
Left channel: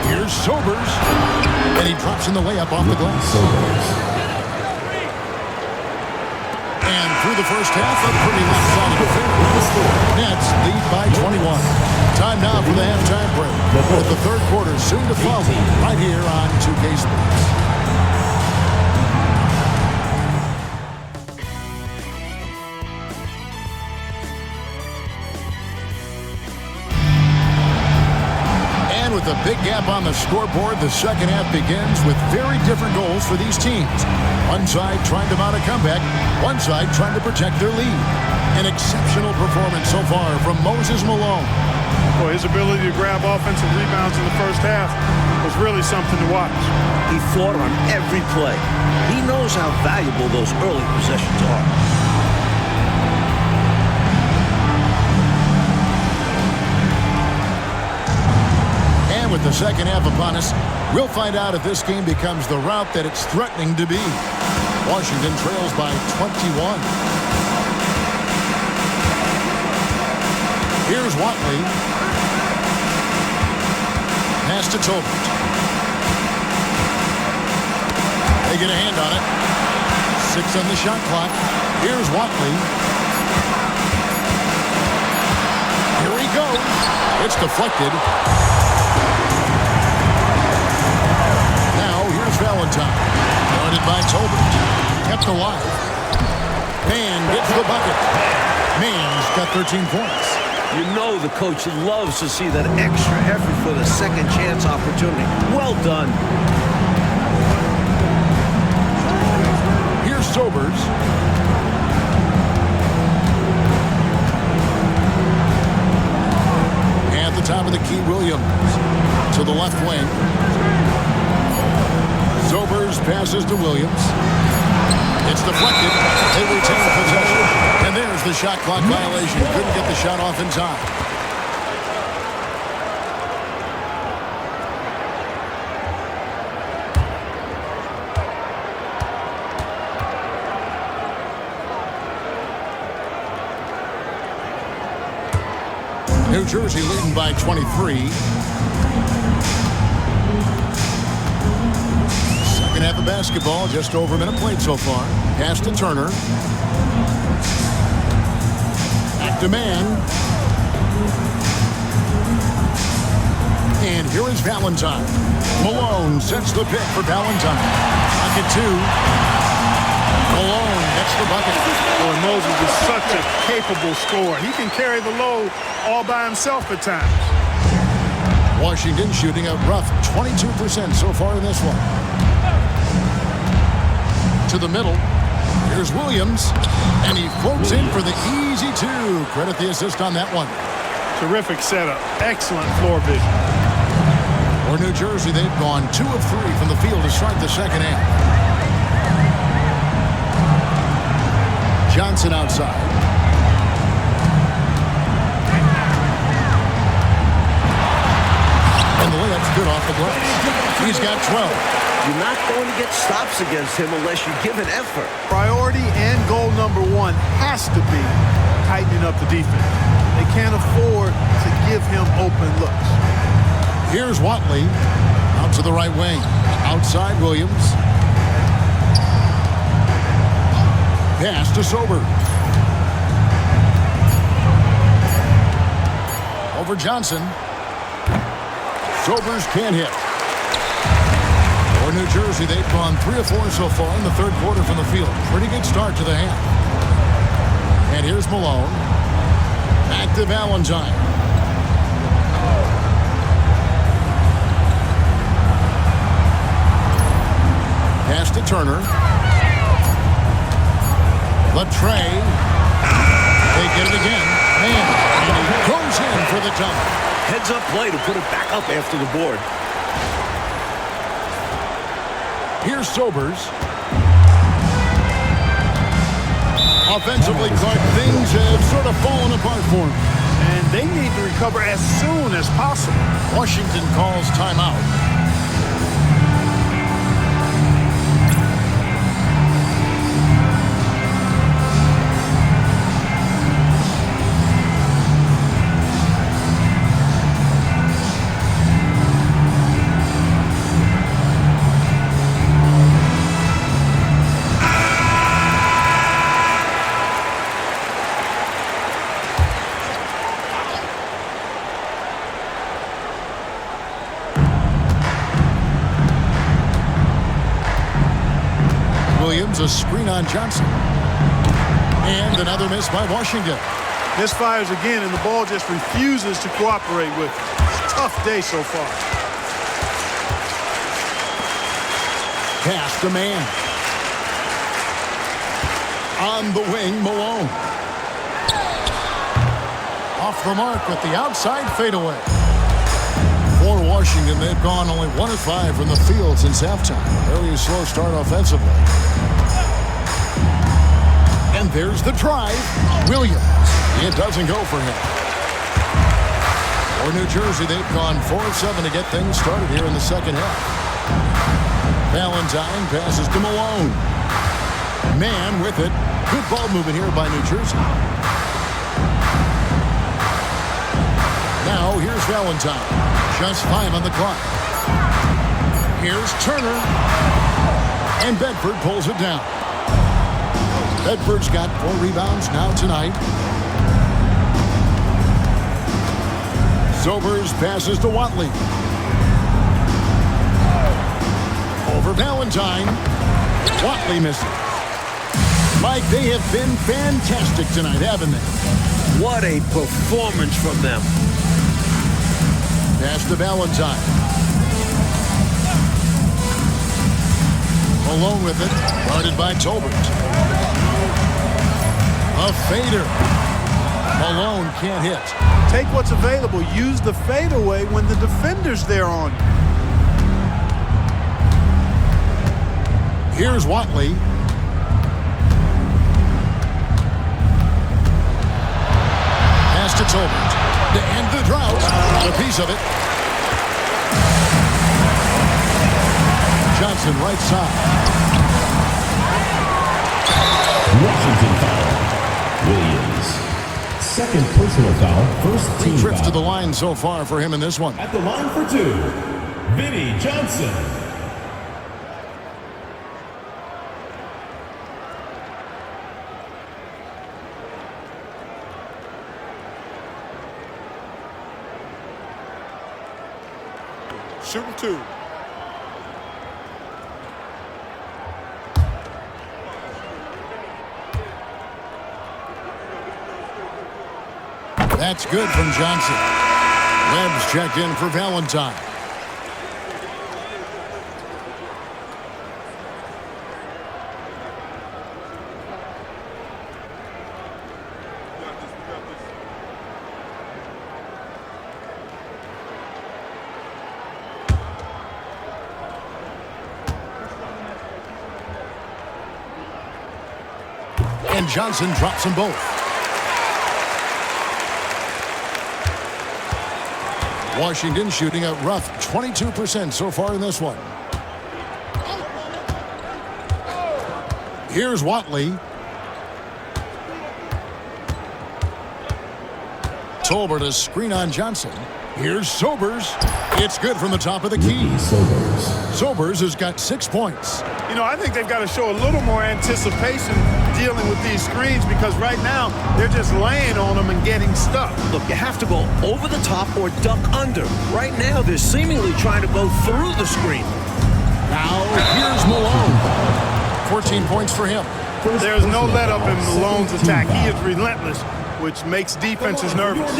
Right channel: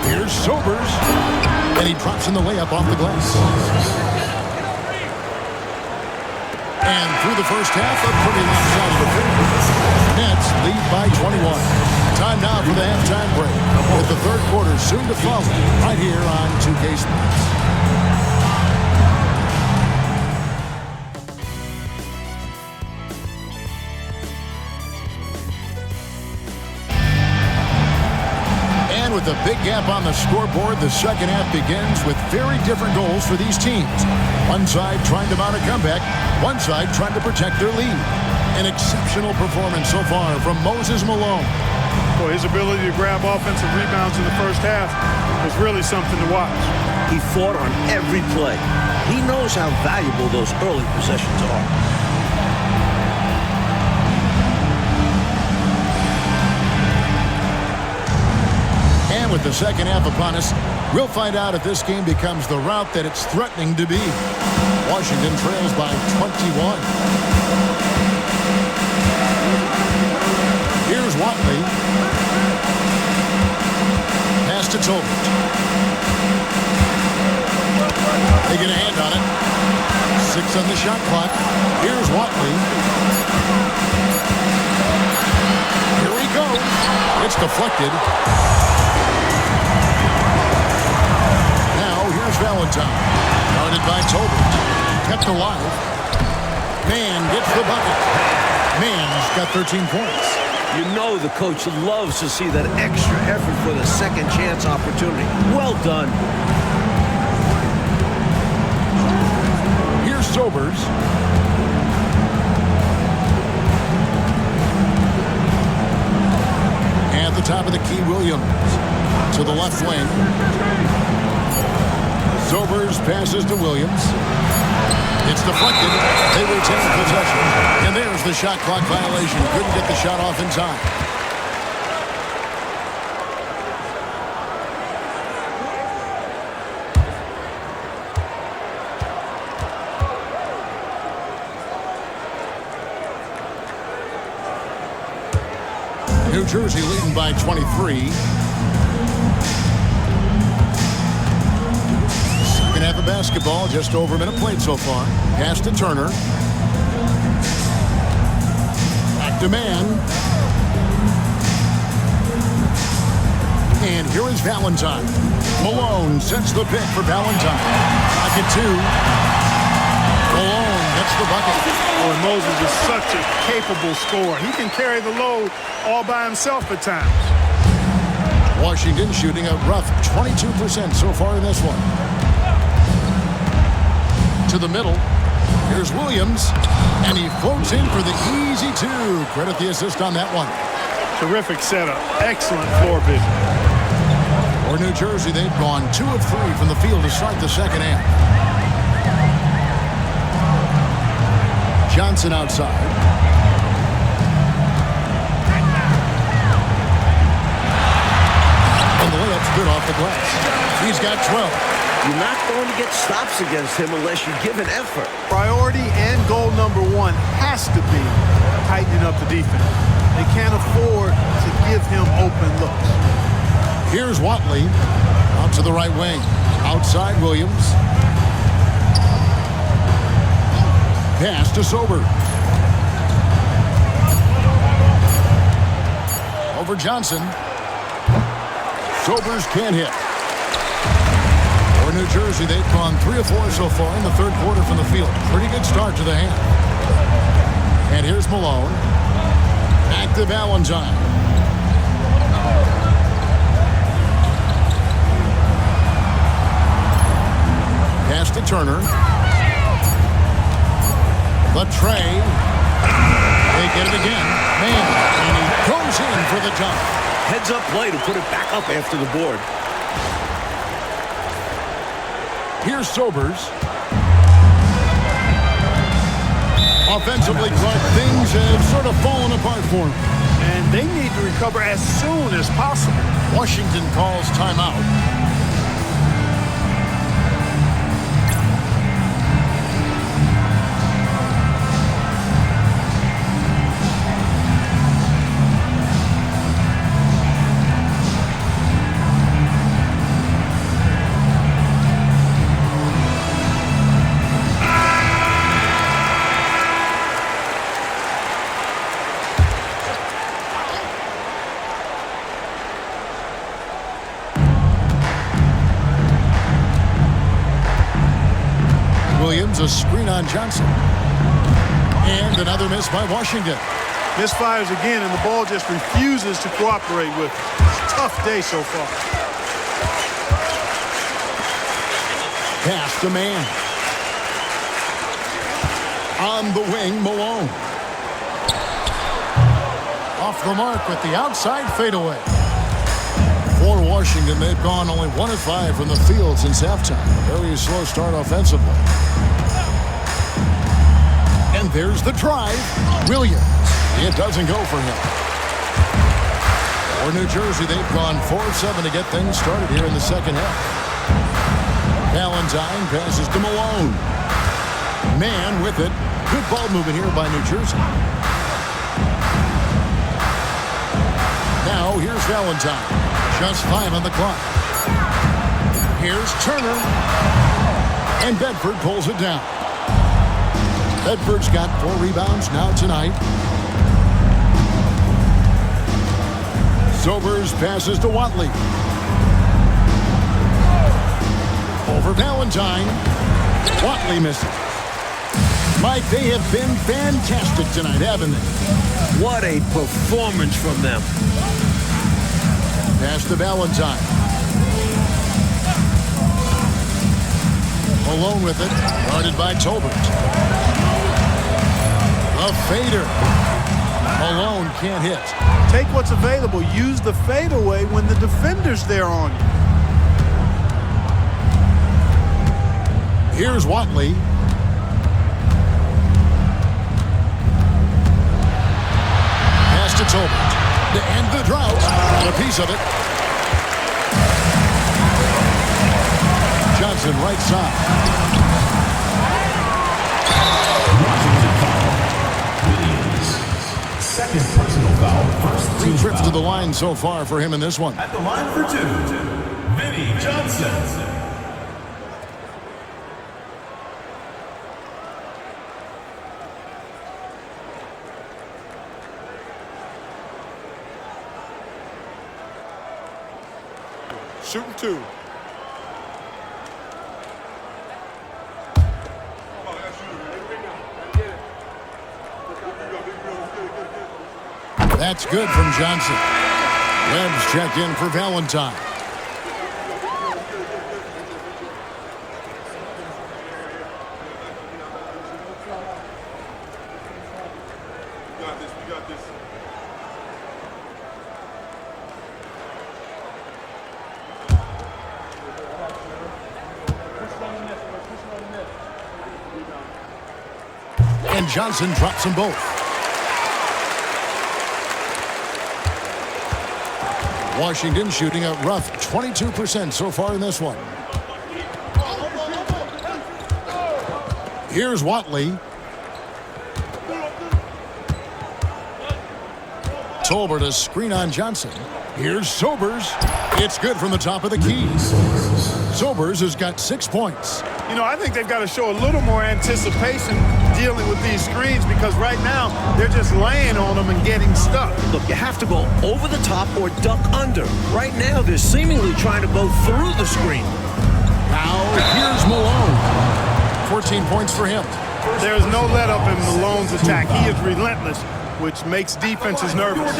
Here's Sobers. And he drops in the layup off the glass. And through the first half, a pretty lopsided affair. Nets lead by 21. Time now for the halftime break. With the third quarter soon to follow right here on 2K Sports. And with a big gap on the scoreboard, the second half begins with very different goals for these teams. One side trying to mount a comeback, one side trying to protect their lead. An exceptional performance so far from Moses Malone. Well, his ability to grab offensive rebounds in the first half was really something to watch. He fought on every play. He knows how valuable those early possessions are. time with the second half upon us. We'll find out if this game becomes the route that it's threatening to be. Washington trails by 21. Here's Watley. Pass to Tolbert. They get a hand on it. 6 on the shot clock. Here's Watley. Here he goes. It's deflected. Now here's Valentine. Guarded by Tolbert. Kept alive. Mann gets the bucket. Mann's got 13 points. You know the coach loves to see that extra effort for the second chance opportunity. Well done. Here's Sobers. At the top of the key, Williams. To the left wing. Sobers passes to Williams. It's deflected. They retain possession. And there's the shot clock violation. Couldn't get the shot off in time. New Jersey leading by 23. Second half of basketball, just over a minute played so far. Pass to Turner. Back to Mann. And here is Valentine. Malone sets the pick for Valentine. Pocket 2. Malone gets the bucket. Boy, Moses is such a capable scorer. He can carry the load all by himself at times. Washington shooting a rough 22% so far in this one. To the middle. Here's Williams. And he floats in for the easy 2. Credit the assist on that one. Terrific setup. Excellent floor vision. For New Jersey, they've gone 2 of 3 from the field to start the second half. Johnson outside. And the layup's good off the glass. He's got 12. You're not going to get stops against him unless you give an effort. Priority and goal number 1 has to be tightening up the defense. They can't afford to give him open looks. Here's Watley. Out to the right wing. Outside Williams. Pass to Sobers. Over Johnson. Sobers can't hit. For New Jersey, they've gone 3 of 4 so far in the third quarter from the field. Pretty good start to the half. And here's Malone. Back to Valentine. Pass to Turner. Latray. They get it again. Man, and he goes in for the dunk. Heads-up play to put it back up after the board. Here's Sobers. Offensively, Clark, things have sort of fallen apart for him. And they need to recover as soon as possible. Washington calls timeout. Williams, a screen on Johnson. And another miss by Washington. Misfires again, and the ball just refuses to cooperate with him. Tough day so far. Pass to Mann. On the wing, Malone. Off the mark with the outside fadeaway. For Washington, they've gone only 1 of 5 from the field since halftime. Very slow start offensively. And there's the drive. Williams. It doesn't go for him. For New Jersey, they've gone 4 of 7 to get things started here in the second half. Valentine passes to Malone. Man with it. Good ball movement here by New Jersey. Now here's Valentine. Just 5 on the clock. Here's Turner. And Bedford pulls it down. Bedford's got 4 rebounds now tonight. Sobers passes to Watley. Over Valentine. Watley misses. Mike, they have been fantastic tonight, haven't they? What a performance from them. Pass to Valentine. Malone with it. Guarded by Tolbert. A fader. Malone can't hit. Take what's available. Use the fadeaway when the defender's there on you. Here's Watley. Pass to Tolbert. To end the drought. Got a piece of it. Johnson right side. Washington foul. Williams. Second personal foul. First team 3 trips foul. to the line so far for him in this one. At the line for 2, Vinnie Johnson. Shooting 2. That's good from Johnson. Webb's checked in for Valentine. We got this. And Johnson drops them both. Washington shooting a rough 22% so far in this one. Here's Watley. Tolbert a screen on Johnson. Here's Sobers. It's good from the top of the key. Sobers has got 6 points. You know, I think they've got to show a little more anticipation dealing with these screens because right now they're just laying on them and getting stuck. Look, you have to go over the top or duck under. Right now, they're seemingly trying to go through the screen. Now here's Malone. 14 points for him. There's no let up in Malone's attack. He is relentless, which makes defenses nervous.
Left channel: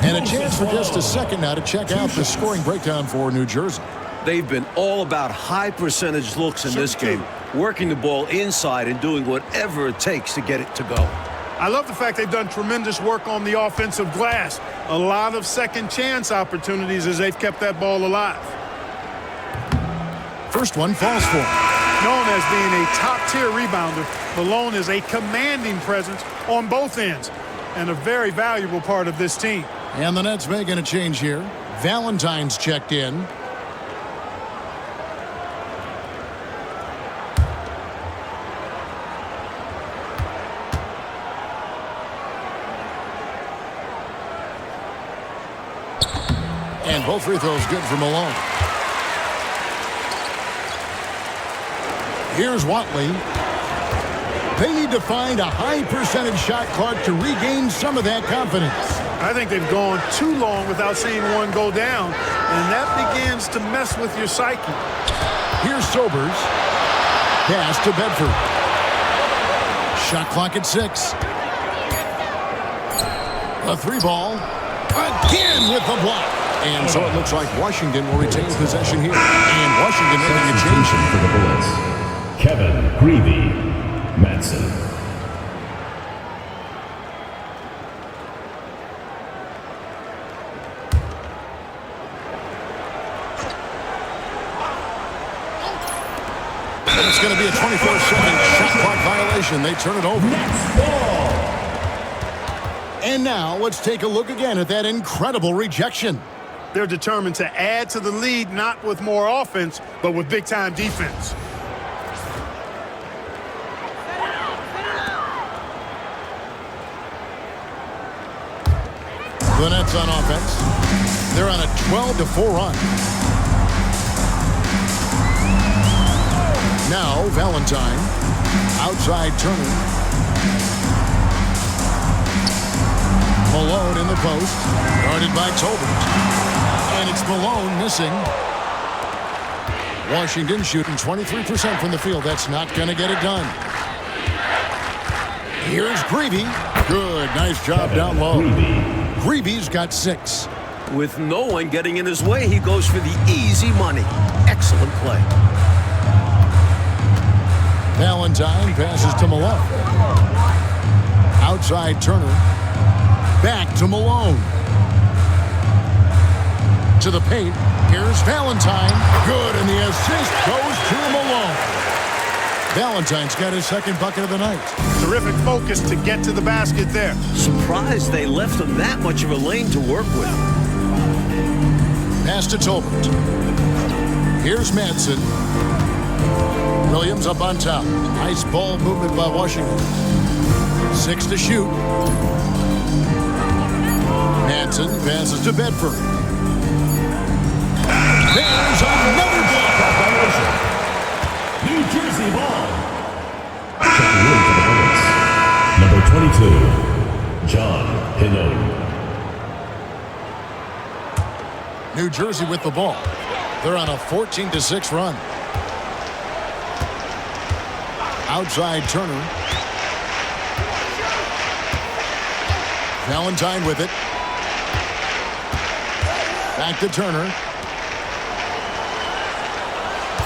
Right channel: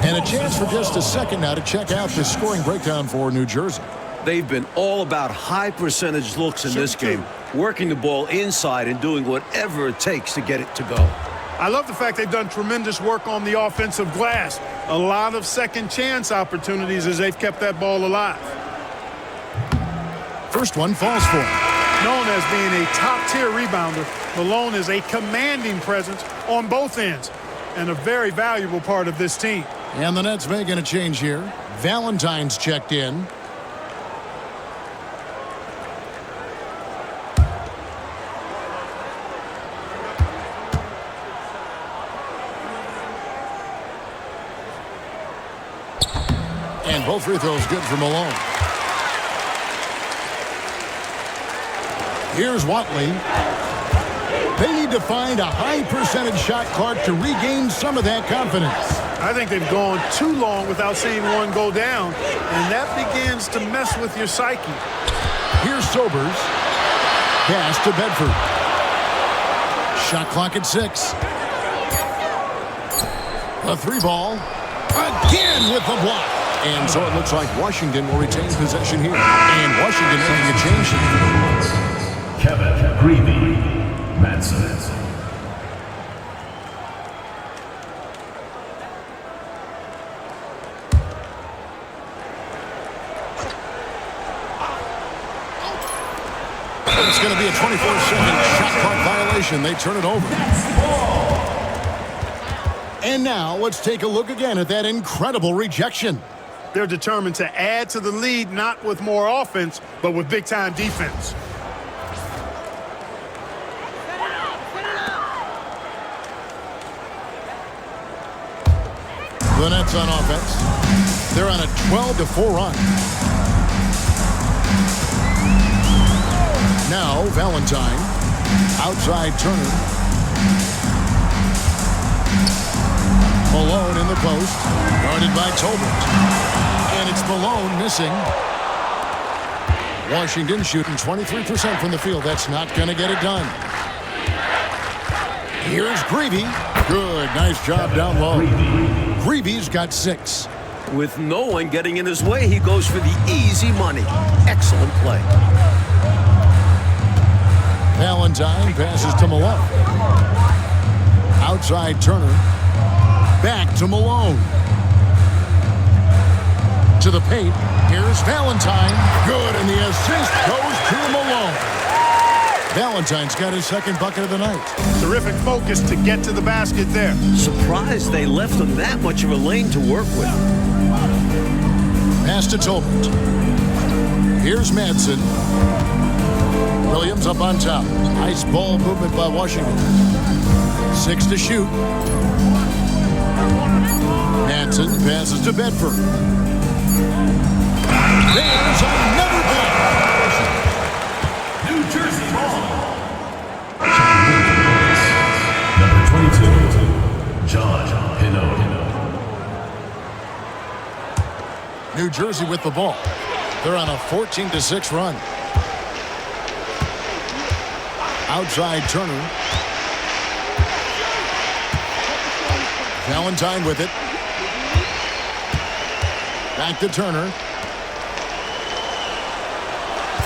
And a chance for just a second now to check out the scoring breakdown for New Jersey. They've been all about high percentage looks in this game, working the ball inside and doing whatever it takes to get it to go. I love the fact they've done tremendous work on the offensive glass. A lot of second chance opportunities as they've kept that ball alive. First one falls for him. Known as being a top-tier rebounder, Malone is a commanding presence on both ends and a very valuable part of this team. And the Nets making a change here. Valentine's checked in. And both free throws good for Malone. Here's Watley. They need to find a high percentage shot clock to regain some of that confidence. I think they've gone too long without seeing one go down, and that begins to mess with your psyche. Here's Sobers. Pass to Bedford. Shot clock at 6. A 3-ball. Again with the block. And so it looks like Washington will retain possession here. And Washington making a change. For the Bullets, Kevin Greavy Madsen. It's going to be a 24-second shot clock violation. They turn it over. And now let's take a look again at that incredible rejection. They're determined to add to the lead, not with more offense, but with big-time defense. The Nets on offense. They're on a 12-4 run. Now Valentine. Outside Turner. Malone in the post. Guarded by Tolbert. And it's Malone missing. Washington shooting 23% from the field. That's not going to get it done. Here's Greavy. Good. Nice job down low. Greavy's got 6. With no one getting in his way, he goes for the easy money. Excellent play. Valentine passes to Malone. Outside Turner. Back to Malone. To the paint. Here's Valentine. Good, and the assist goes to Malone. Valentine's got his second bucket of the night. Terrific focus to get to the basket there. Surprised they left him that much of a lane to work with. Pass to Tolbert. Here's Madsen. Williams up on top. Nice ball movement by Washington. 6 to shoot. Madsen passes to Bedford. There's another block. New Jersey ball. Checking in for the Bullets. Number 22, John Hinode. New Jersey with the ball. They're on a 14-6 run. Outside Turner. Valentine with it. Back to Turner.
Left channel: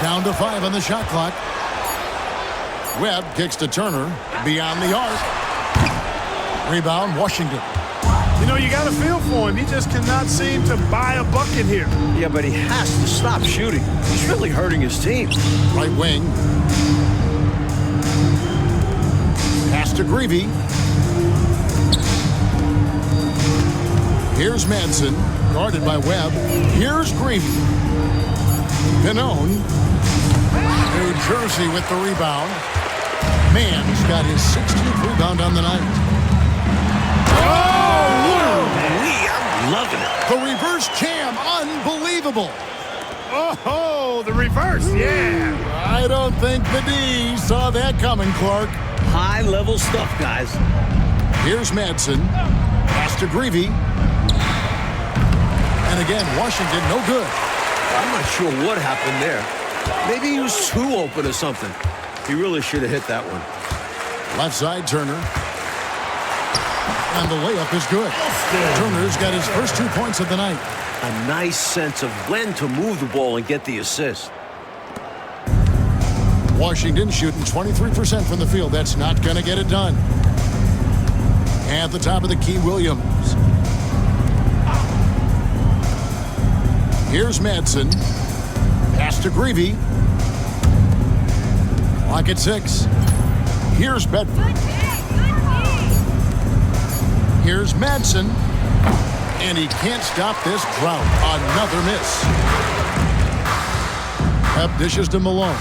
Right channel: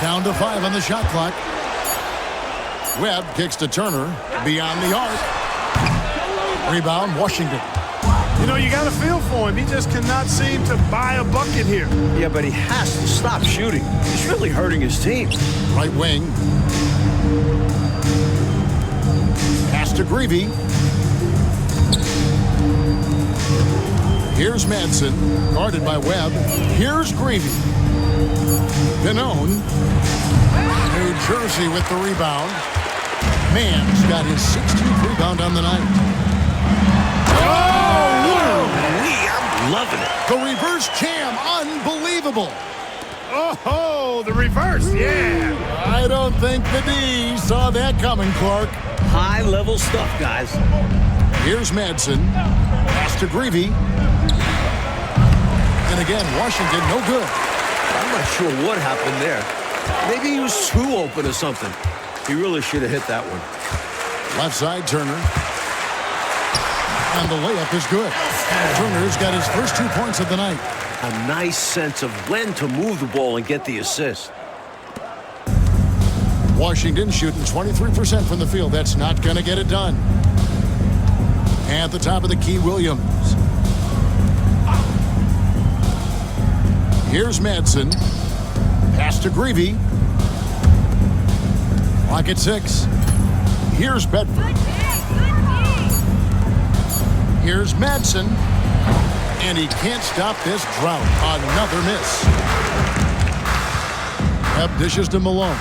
Down to 5 on the shot clock. Webb kicks to Turner. Beyond the arc. Rebound, Washington. You know, you got a feel for him. He just cannot seem to buy a bucket here. Yeah, but he has to stop shooting. He's really hurting his team. Right wing. Pass to Greavy. Here's Madsen, guarded by Webb. Here's Greavy. Pannone. New Jersey with the rebound. Mann's got his 16th rebound on the night. I'm loving it. The reverse jam, unbelievable. Oh, the reverse, yeah. I don't think the D saw that coming, Clark. High-level stuff, guys. Here's Madsen. Pass to Greavy. And again, Washington, no good. I'm not sure what happened there. Maybe he was too open or something. He really should have hit that one. Left side, Turner. And the layup is good. Turner's got his first 2 points of the night. A nice sense of when to move the ball and get the assist. Washington shooting 23% from the field. That's not going to get it done. At the top of the key, Williams. Here's Madsen. Pass to Greavy. Clock at 6. Here's Bedford. Here's Madsen. And he can't stop this drought. Another miss. Webb dishes to Malone.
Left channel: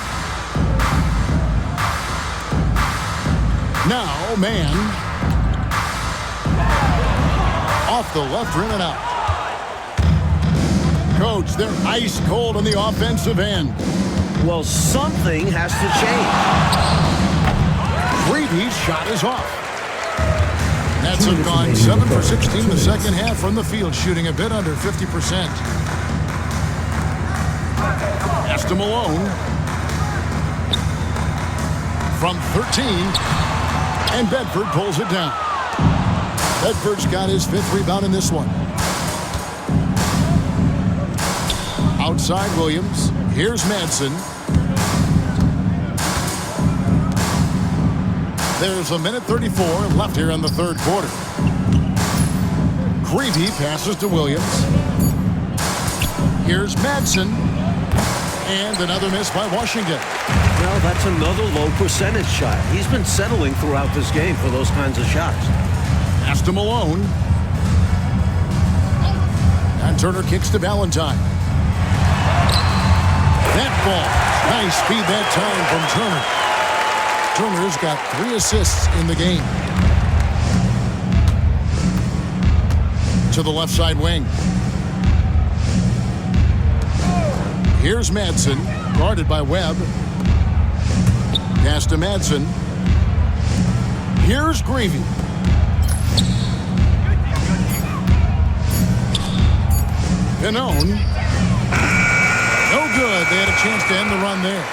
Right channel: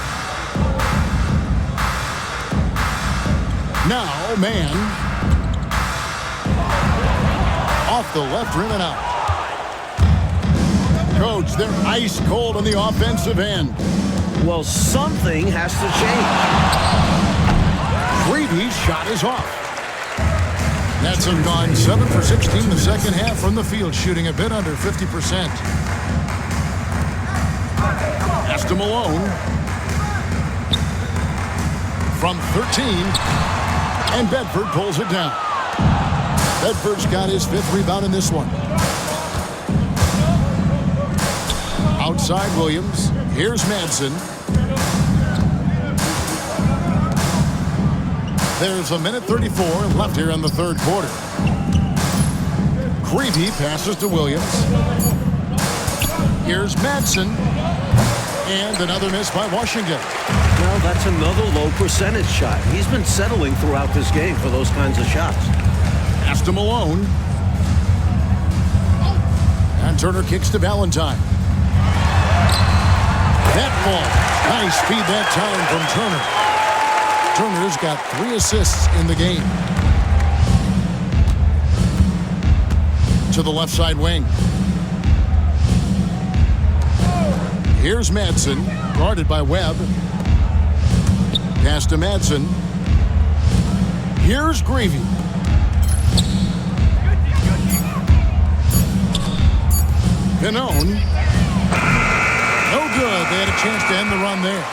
Now, Mann. Off the left rim and out. Coach, they're ice cold on the offensive end. Well, something has to change. Greavy's shot is off. Nets have gone 7 for 16 the second half from the field, shooting a bit under 50%. Pass to Malone. From 13. And Bedford pulls it down. Bedford's got his 5th rebound in this one. Outside Williams. Here's Madsen. There's a minute 34 left here in the third quarter. Greavy passes to Williams. Here's Madsen. And another miss by Washington. Well, that's another low percentage shot. He's been settling throughout this game for those kinds of shots. Pass to Malone. And Turner kicks to Valentine. That ball. Nice speed that time from Turner. Turner's got 3 assists in the game. To the left side wing. Here's Madsen, guarded by Webb. Pass to Madsen. Here's Greavy. Pannone. No good. They had a chance to end the run there.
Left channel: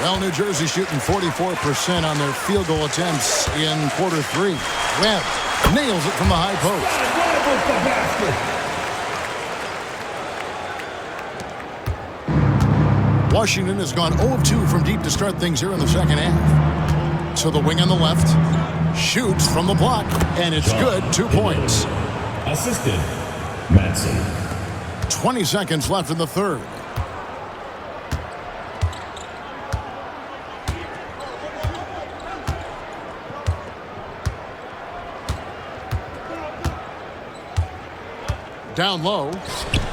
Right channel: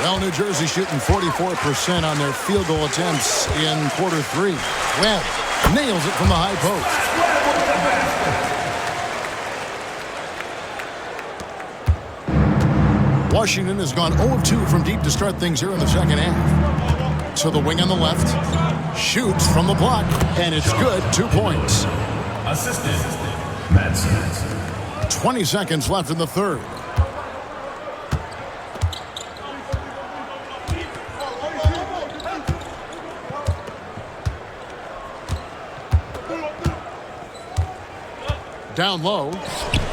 Well, New Jersey shooting 44% on their field goal attempts in quarter 3. Webb nails it from the high post. Washington has gone 0 of 2 from deep to start things here in the second half. To the wing on the left. Shoots from the block, and it's good. 2 points. Assistant, Madsen. 20 seconds left in the third. Down low.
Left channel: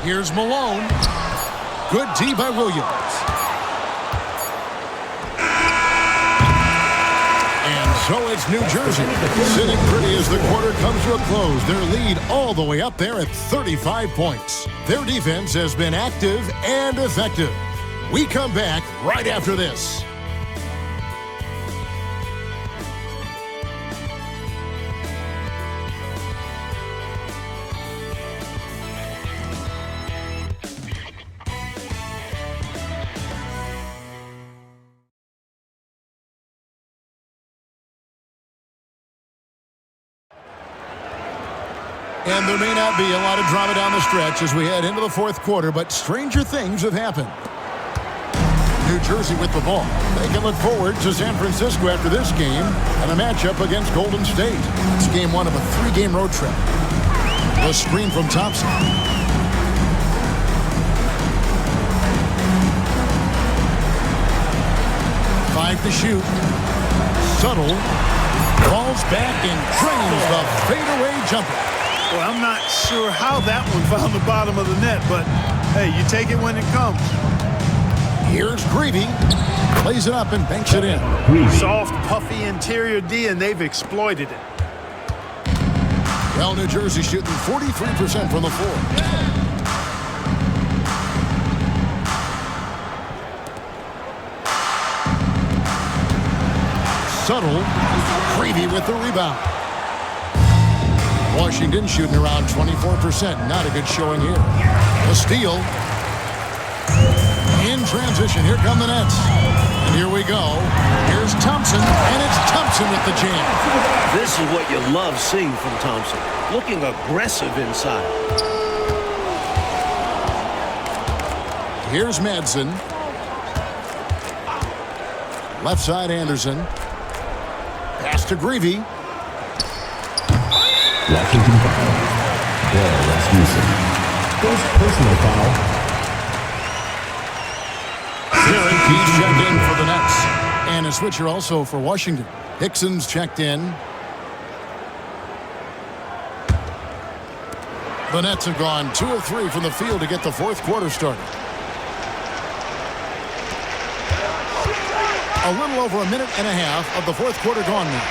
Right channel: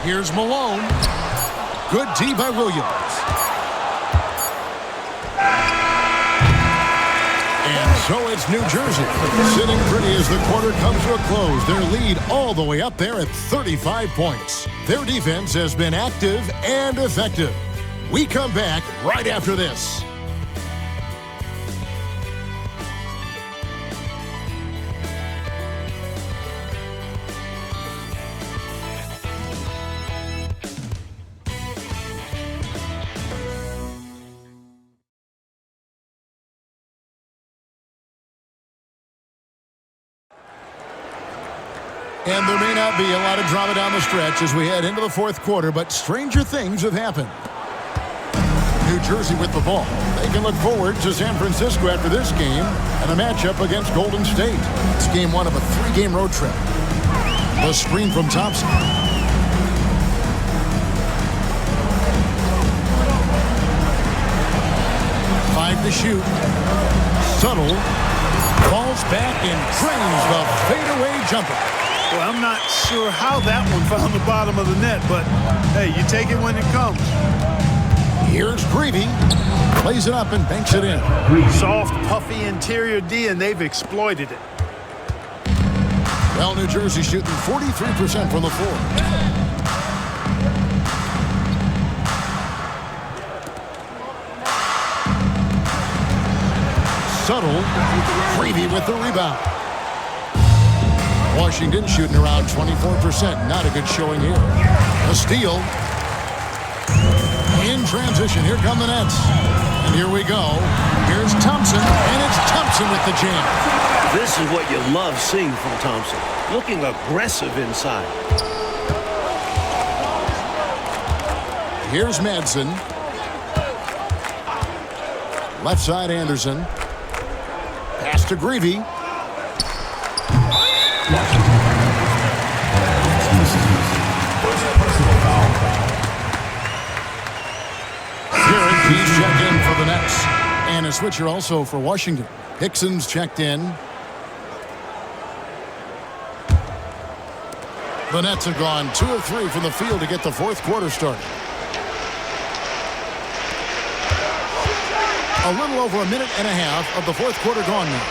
Here's Malone. Good D by Williams. And so it's New Jersey sitting pretty as the quarter comes to a close. Their lead all the way up there at 35 points. Their defense has been active and effective. We come back right after this. And there may not be a lot of drama down the stretch as we head into the fourth quarter, but stranger things have happened. New Jersey with the ball. They can look forward to San Francisco after this game and a matchup against Golden State. It's game 1 of a 3-game road trip. The screen from Thompson. Five to shoot. Subtle. Falls back and drains the fadeaway jumper. Well, I'm not sure how that one found the bottom of the net, but hey, you take it when it comes. Here's Greavy. Plays it up and banks it in. Soft, puffy interior D, and they've exploited it. Well, New Jersey shooting 43% from the floor. Subtle. Greavy with the rebound. Washington shooting around 24%. Not a good showing here. A steal. In transition. Here come the Nets. And here we go. Here's Thompson. And it's Thompson with the jam. This is what you love seeing from Thompson. Looking aggressive inside. Here's Madsen. Left side Anderson. Pass to Greavy. Washington foul. Blair Rasmussen. First personal foul. Garrett, he's checked in for the Nets. And a switcher also for Washington. Hickson's checked in. The Nets have gone 2 of 3 from the field to get the fourth quarter started. A little over a minute and a half of the fourth quarter gone now.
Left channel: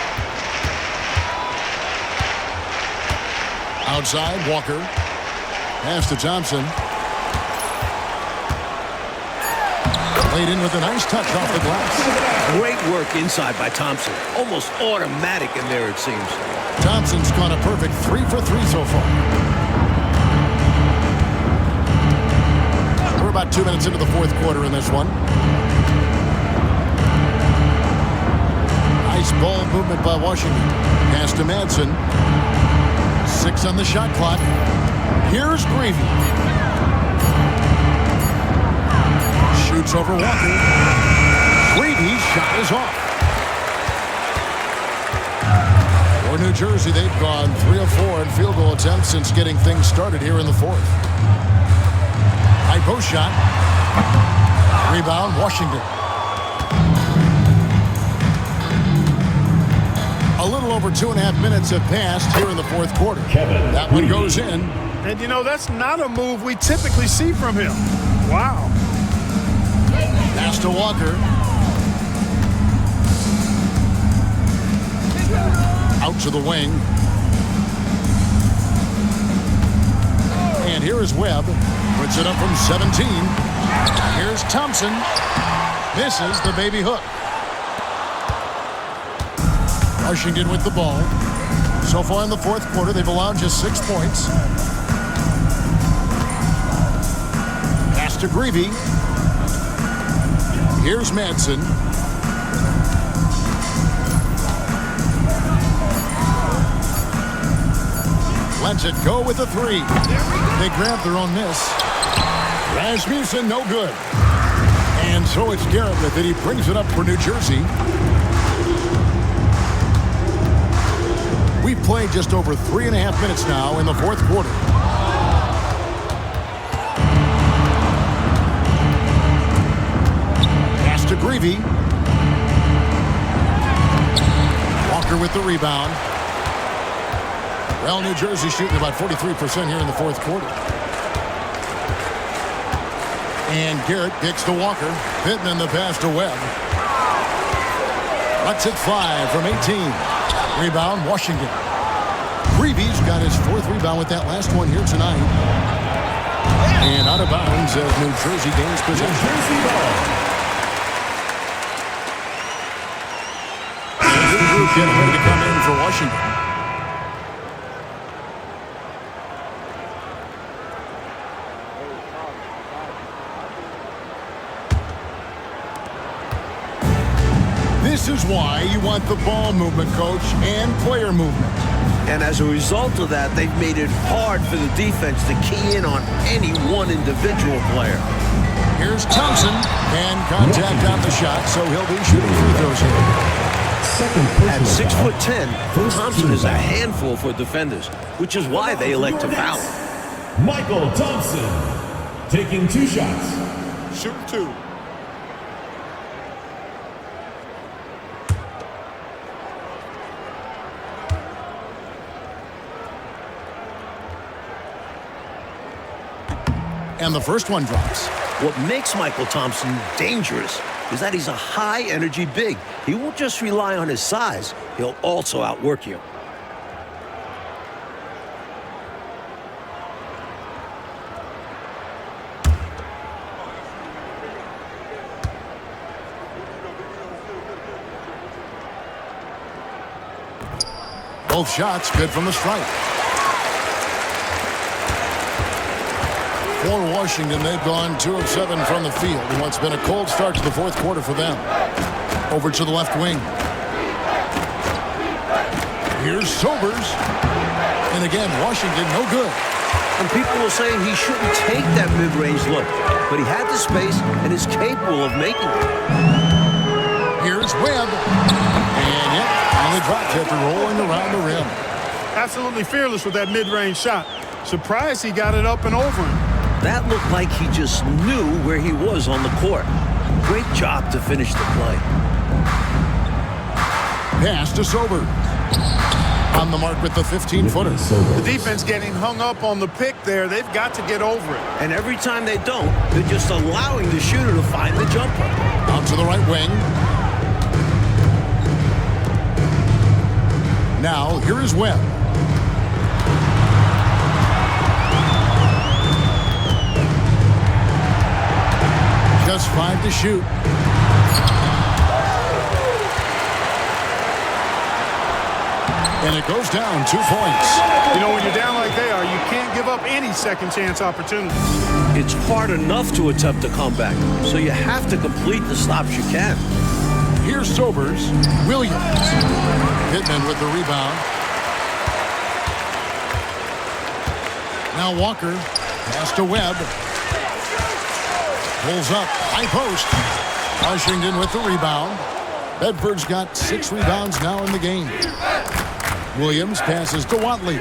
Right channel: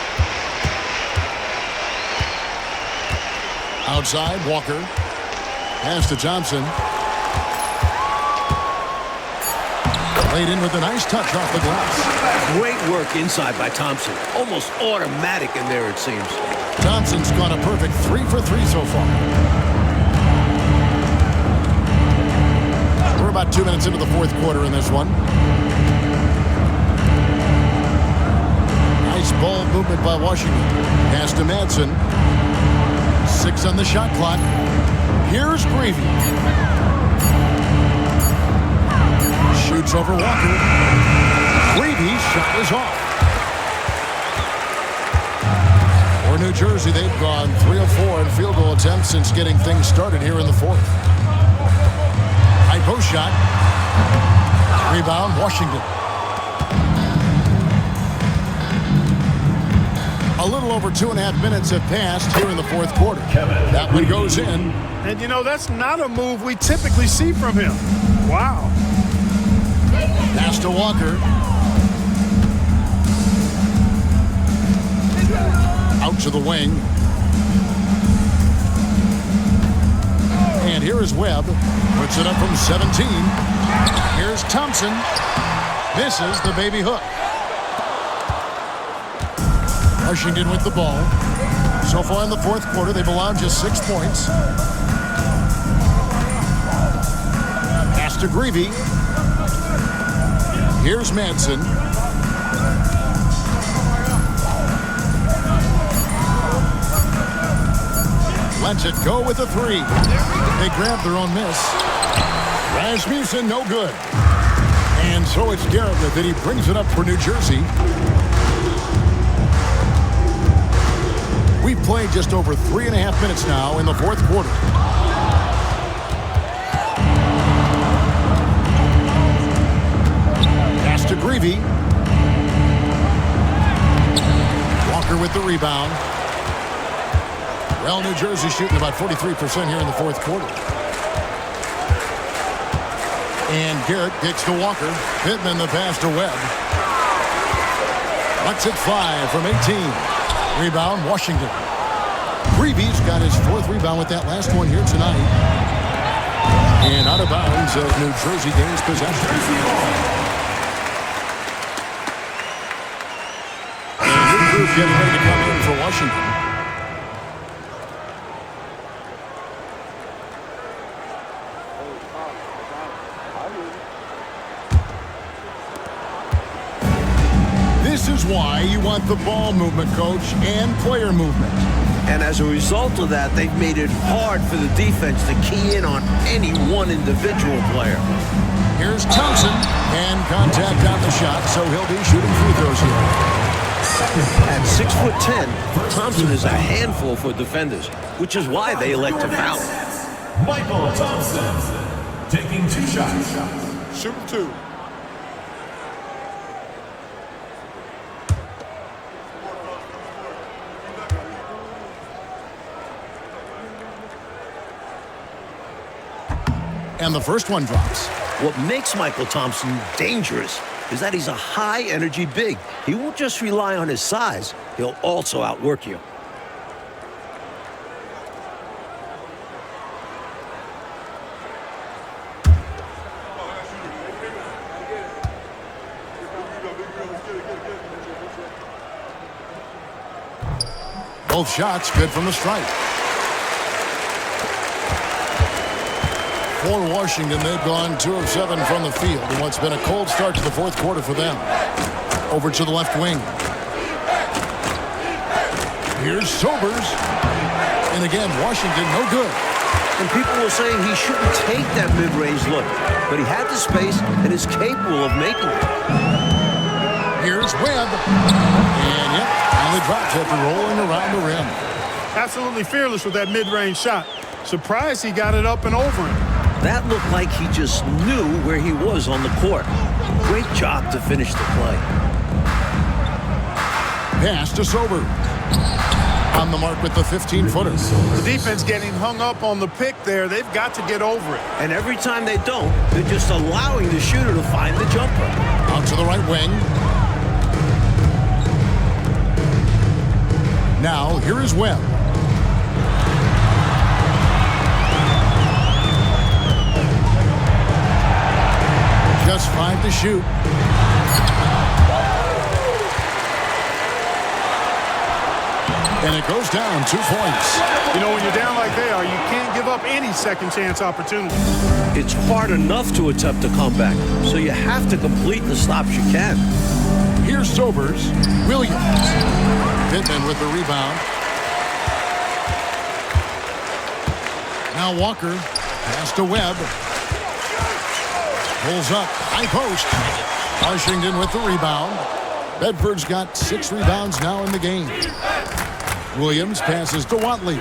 Outside, Walker. Pass to Thompson. Laid in with a nice touch off the glass. Great work inside by Thompson. Almost automatic in there, it seems. Thompson's gone a perfect 3 for 3 so far. We're about 2 minutes into the fourth quarter in this one. Nice ball movement by Washington. Pass to Madsen. 6 on the shot clock. Here's Greavy. Shoots over Walker. Greavy's shot is off. For New Jersey, they've gone 3 of 4 in field goal attempts since getting things started here in the fourth. High post shot. Rebound, Washington. A little over 2.5 minutes have passed here in the fourth quarter. That one goes in. And, you know, that's not a move we typically see from him. Wow. Pass to Walker. Out to the wing. And here is Webb. Puts it up from 17. Here's Thompson. Misses the baby hook. Washington with the ball. So far in the fourth quarter, they've allowed just 6 points. Pass to Greavy. Here's Madsen. Lets it go with a 3. They grab their own miss. Rasmussen, no good. And so it's Garrett with it. He brings it up for New Jersey. We've played just over 3.5 minutes now in the fourth quarter. Pass to Greavy. Walker with the rebound. Well, New Jersey shooting about 43% here in the fourth quarter. And Garrett kicks to Walker. Pittman the pass to Webb. Lets it fly from 18. Rebound, Washington. Greavy's got his 4th rebound with that last one here tonight. And out of bounds as New Jersey gains possession. And a new group getting ready to come in for Washington. This is why you want the ball movement, coach, and player movement. And as a result of that, they've made it hard for the defense to key in on any one individual player. Here's Thompson, and contact on the shot, so he'll be shooting free throws here. At 6'10", Thompson is a handful for defenders, which is why they elect to foul. Michael Thompson taking 2 shots. Shooting 2. And the first one drops. What makes Michael Thompson dangerous is that he's a high-energy big. He won't just rely on his size. He'll also outwork you. Both shots good from the stripe. For Washington, they've gone 2 of 7 from the field in what's been a cold start to the fourth quarter for them. Over to the left wing. Here's Sobers. And again, Washington, no good. And people will say he shouldn't take that mid-range look, but he had the space and is capable of making it. Here's Webb. And yep, finally dropped after rolling around the rim. Absolutely fearless with that mid-range shot. Surprised he got it up and over him. That looked like he just knew where he was on the court. Great job to finish the play. Pass to Sobers. On the mark with the 15-footer. The defense getting hung up on the pick there. They've got to get over it. And every time they don't, they're just allowing the shooter to find the jumper. Out to the right wing. Now, here is Webb. Just 5 to shoot. And it goes down 2 points. You know, when you're down like they are, you can't give up any second chance opportunities. It's hard enough to attempt a comeback, so you have to complete the stops you can. Here's Sobers. Williams. Pittman with the rebound. Now Walker. Pass to Webb. Pulls up. High post. Washington with the rebound. Bedford's got 6 rebounds now in the game. Williams passes to Watley.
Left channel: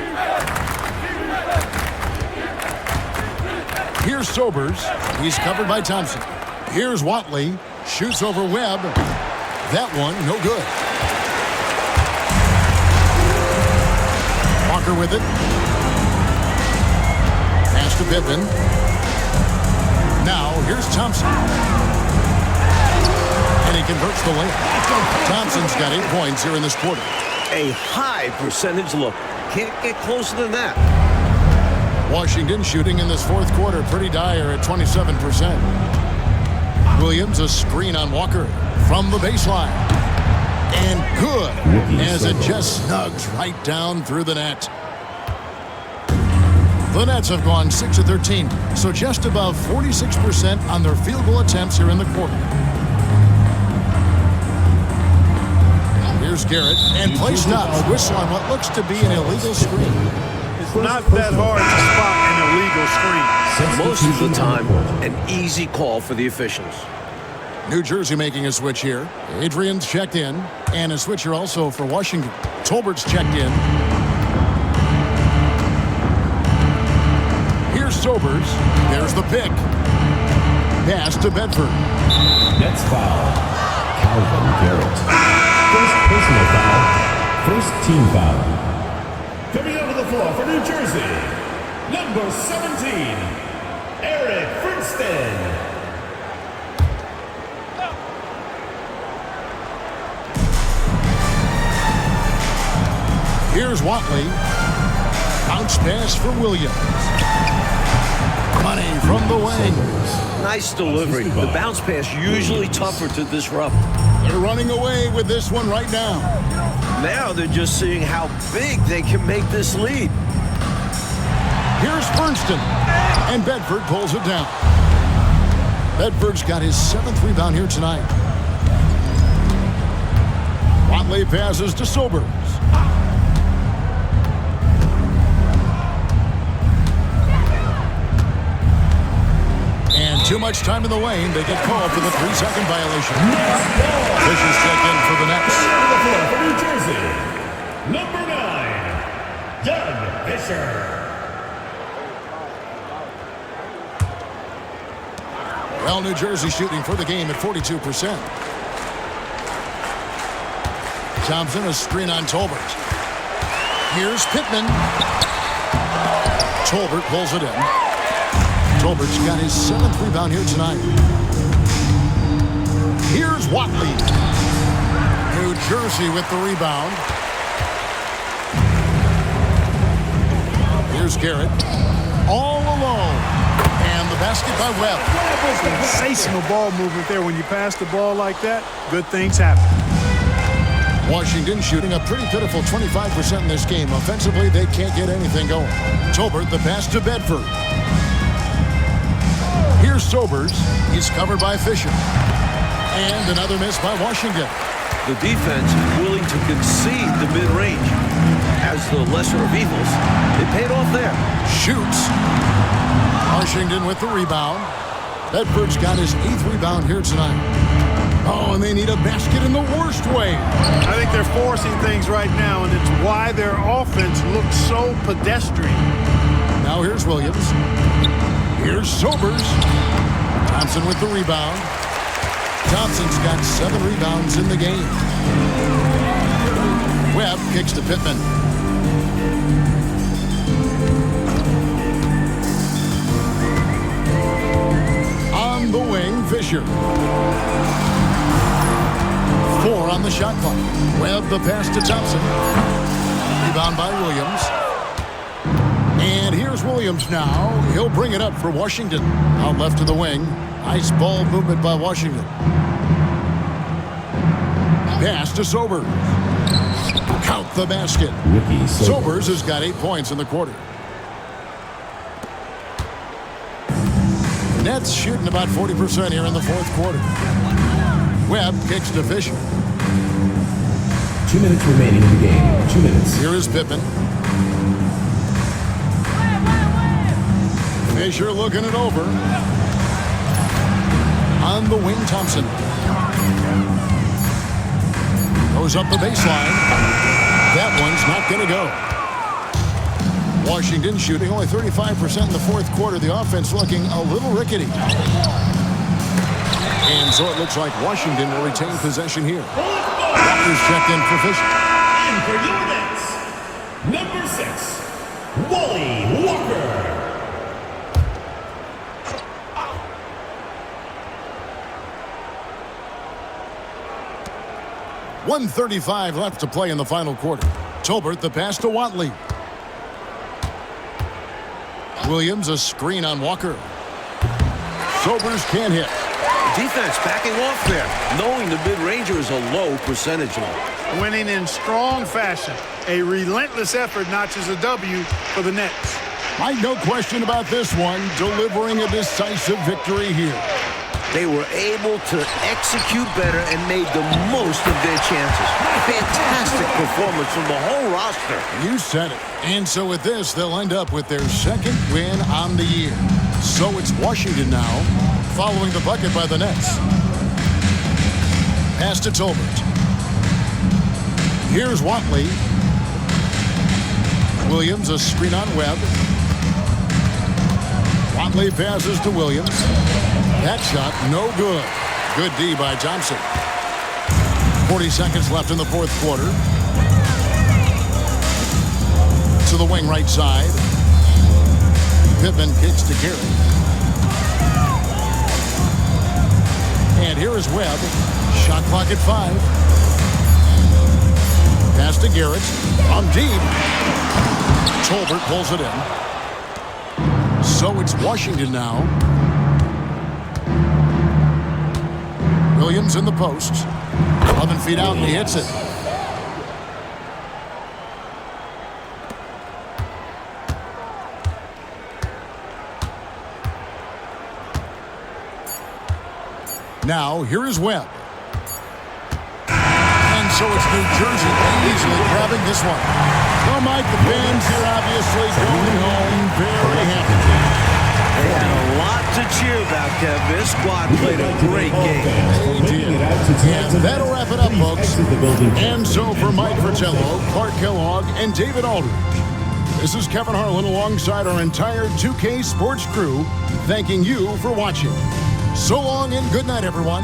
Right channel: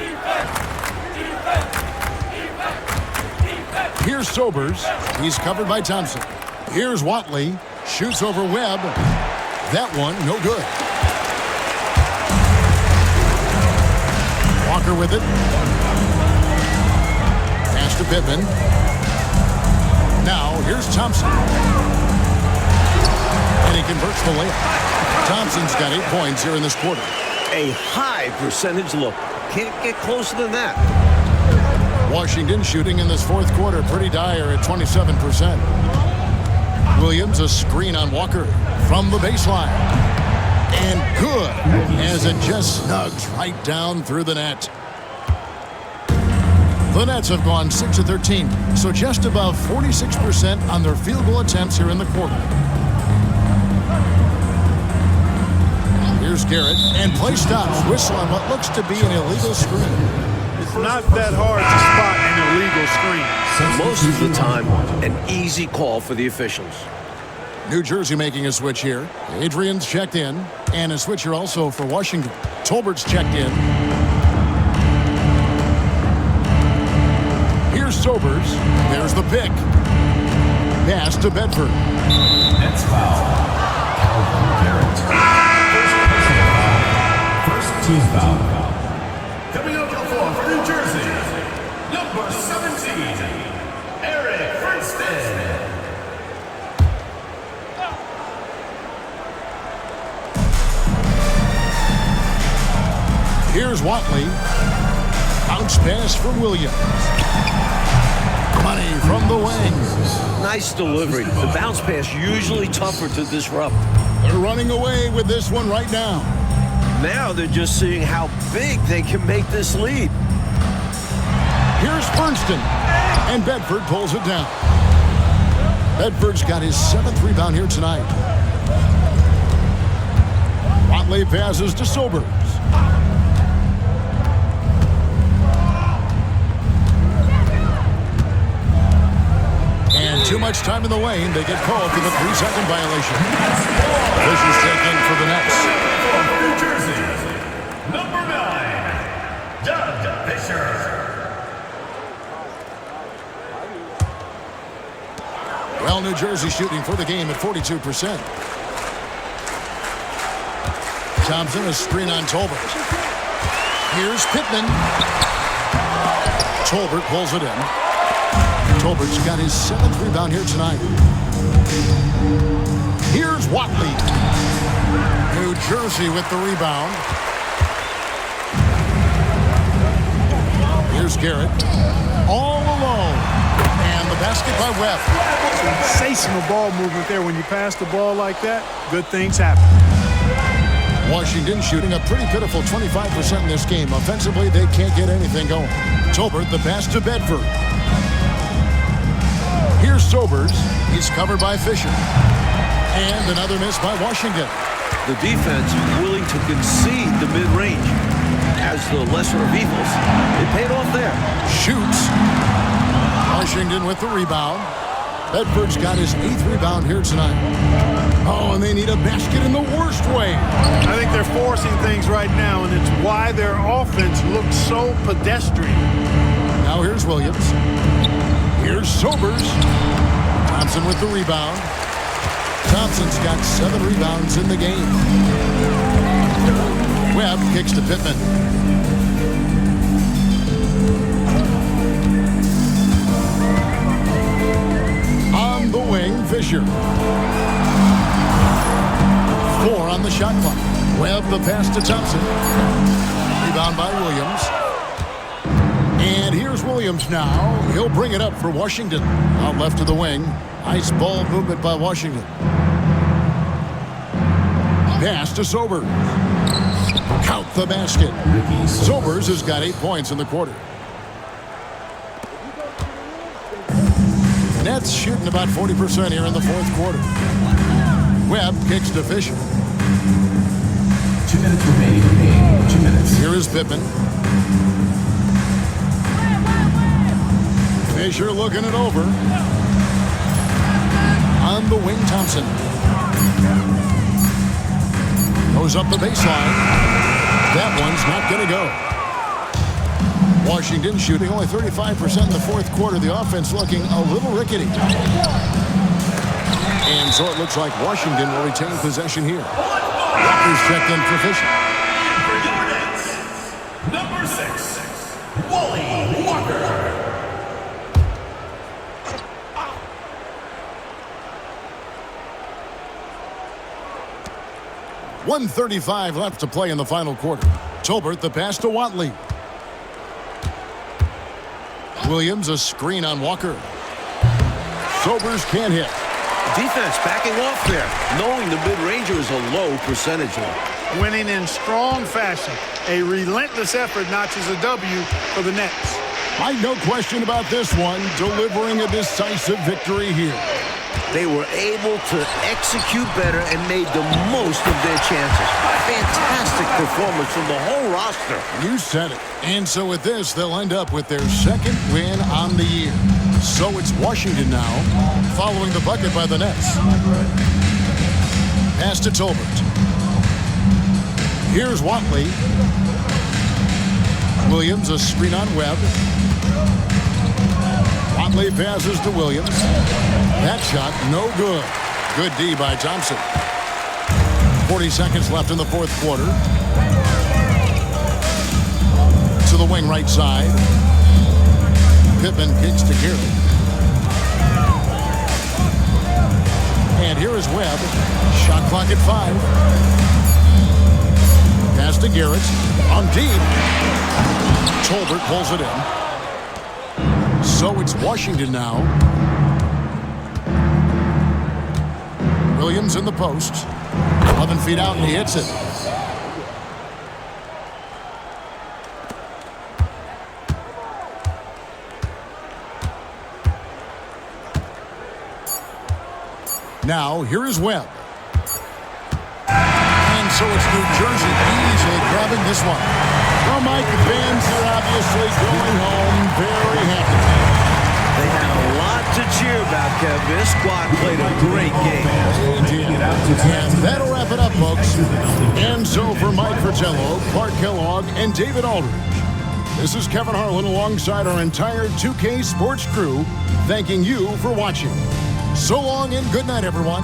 Here's Sobers. He's covered by Thompson. Here's Watley. Shoots over Webb. That one, no good. Walker with it. Pass to Pittman. Now, here's Thompson. And he converts the layup. Thompson's got 8 points here in this quarter. A high percentage look. Can't get closer than that. Washington shooting in this fourth quarter pretty dire at 27%. Williams, a screen on Walker from the baseline. And good, as it just snugs right down through the net. The Nets have gone 6 of 13, so just above 46% on their field goal attempts here in the quarter. Here's Garrett, and play stops. Whistle on what looks to be an illegal screen. It's not that hard to spot an illegal screen. Most of the time, an easy call for the officials. New Jersey making a switch here. Adrian's checked in, and a switcher also for Washington. Tolbert's checked in. Here's Sobers. There's the pick. Pass to Bedford. Nets foul. Calvin Garrett. First personal foul. First team foul. Coming over the floor for New Jersey, number 17, Eric Fernston. Here's Watley. Bounce pass for Williams. Money from the wing. Nice delivery. The bounce pass usually tougher to disrupt. They're running away with this one right now. Now they're just seeing how big they can make this lead. Here's Fernston. And Bedford pulls it down. Bedford's got his 7th rebound here tonight. Watley passes to Sobers. And too much time in the lane. They get called for the 3-second violation. Fisher's checked in for the Nets. New Jersey, number 9, Doug Fisher. Well, New Jersey shooting for the game at 42%. Thompson, a screen on Tolbert. Here's Pittman. Tolbert pulls it in. Tolbert's got his 7th rebound here tonight. Here's Watley. New Jersey with the rebound. Here's Garrett. All alone. And the basket by Webb. Sensational ball movement there. When you pass the ball like that, good things happen. Washington shooting a pretty pitiful 25% in this game. Offensively, they can't get anything going. Tolbert, the pass to Bedford. Here's Sobers. He's covered by Fisher. And another miss by Washington. The defense willing to concede the mid-range. As the lesser of evils, it paid off there. Shoots. Washington with the rebound. Bedford's got his 8th rebound here tonight. Oh, and they need a basket in the worst way. I think they're forcing things right now, and it's why their offense looks so pedestrian. Now here's Williams. Here's Sobers. Thompson with the rebound. Thompson's got 7 rebounds in the game. Webb kicks to Pittman. On the wing, Fisher. 4 on the shot clock. Webb the pass to Thompson. Rebound by Williams. And here's Williams now. He'll bring it up for Washington. Out left to the wing. Nice ball movement by Washington. Pass to Sobers. Count the basket. Sobers has got 8 points in the quarter. Nets shooting about 40% here in the fourth quarter. Webb kicks to Fisher. 2 minutes remaining in the game. 2 minutes. Here is Pittman. Fisher looking it over. On the wing, Thompson. Goes up the baseline. That one's not going to go. Washington shooting only 35% in the fourth quarter. The offense looking a little rickety. And so it looks like Washington will retain possession here. Walker's checked in for Fisher. Number 6, Wally Walker. 1:35 left to play in the final quarter. Tolbert the pass to Watley. Williams a screen on Walker. Sobers can't hit. Defense backing off there, knowing the mid-ranger is a low percentage one. Winning in strong fashion. A relentless effort notches a W for the Nets. Mike, no question about this one, delivering a decisive victory here. They were able to execute better and made the most of their chances. Fantastic performance from the whole roster. You said it. And so with this, they'll end up with their second win on the year. So it's Washington now, following the bucket by the Nets. Pass to Tolbert. Here's Watley. Williams a screen on Webb. Watley passes to Williams. That shot, no good. Good D by Thompson. 40 seconds left in the fourth quarter. To the wing right side. Pittman kicks to Garrett. And here is Webb. Shot clock at 5. Pass to Garrett. On deep. Tolbert pulls it in. So it's Washington now. Williams in the post. 11 feet out and he hits it. Now, here is Webb. And so it's New Jersey easily grabbing this one. Well, Mike, the fans here obviously going home very happy. They had a lot to cheer about, Kev. This squad played a great game. They did. And that'll wrap it up, folks. And so for Mike Fratello, Clark Kellogg, and David Aldridge, this is Kevin Harlan alongside our entire 2K Sports crew, thanking you for watching. So long and good night, everyone.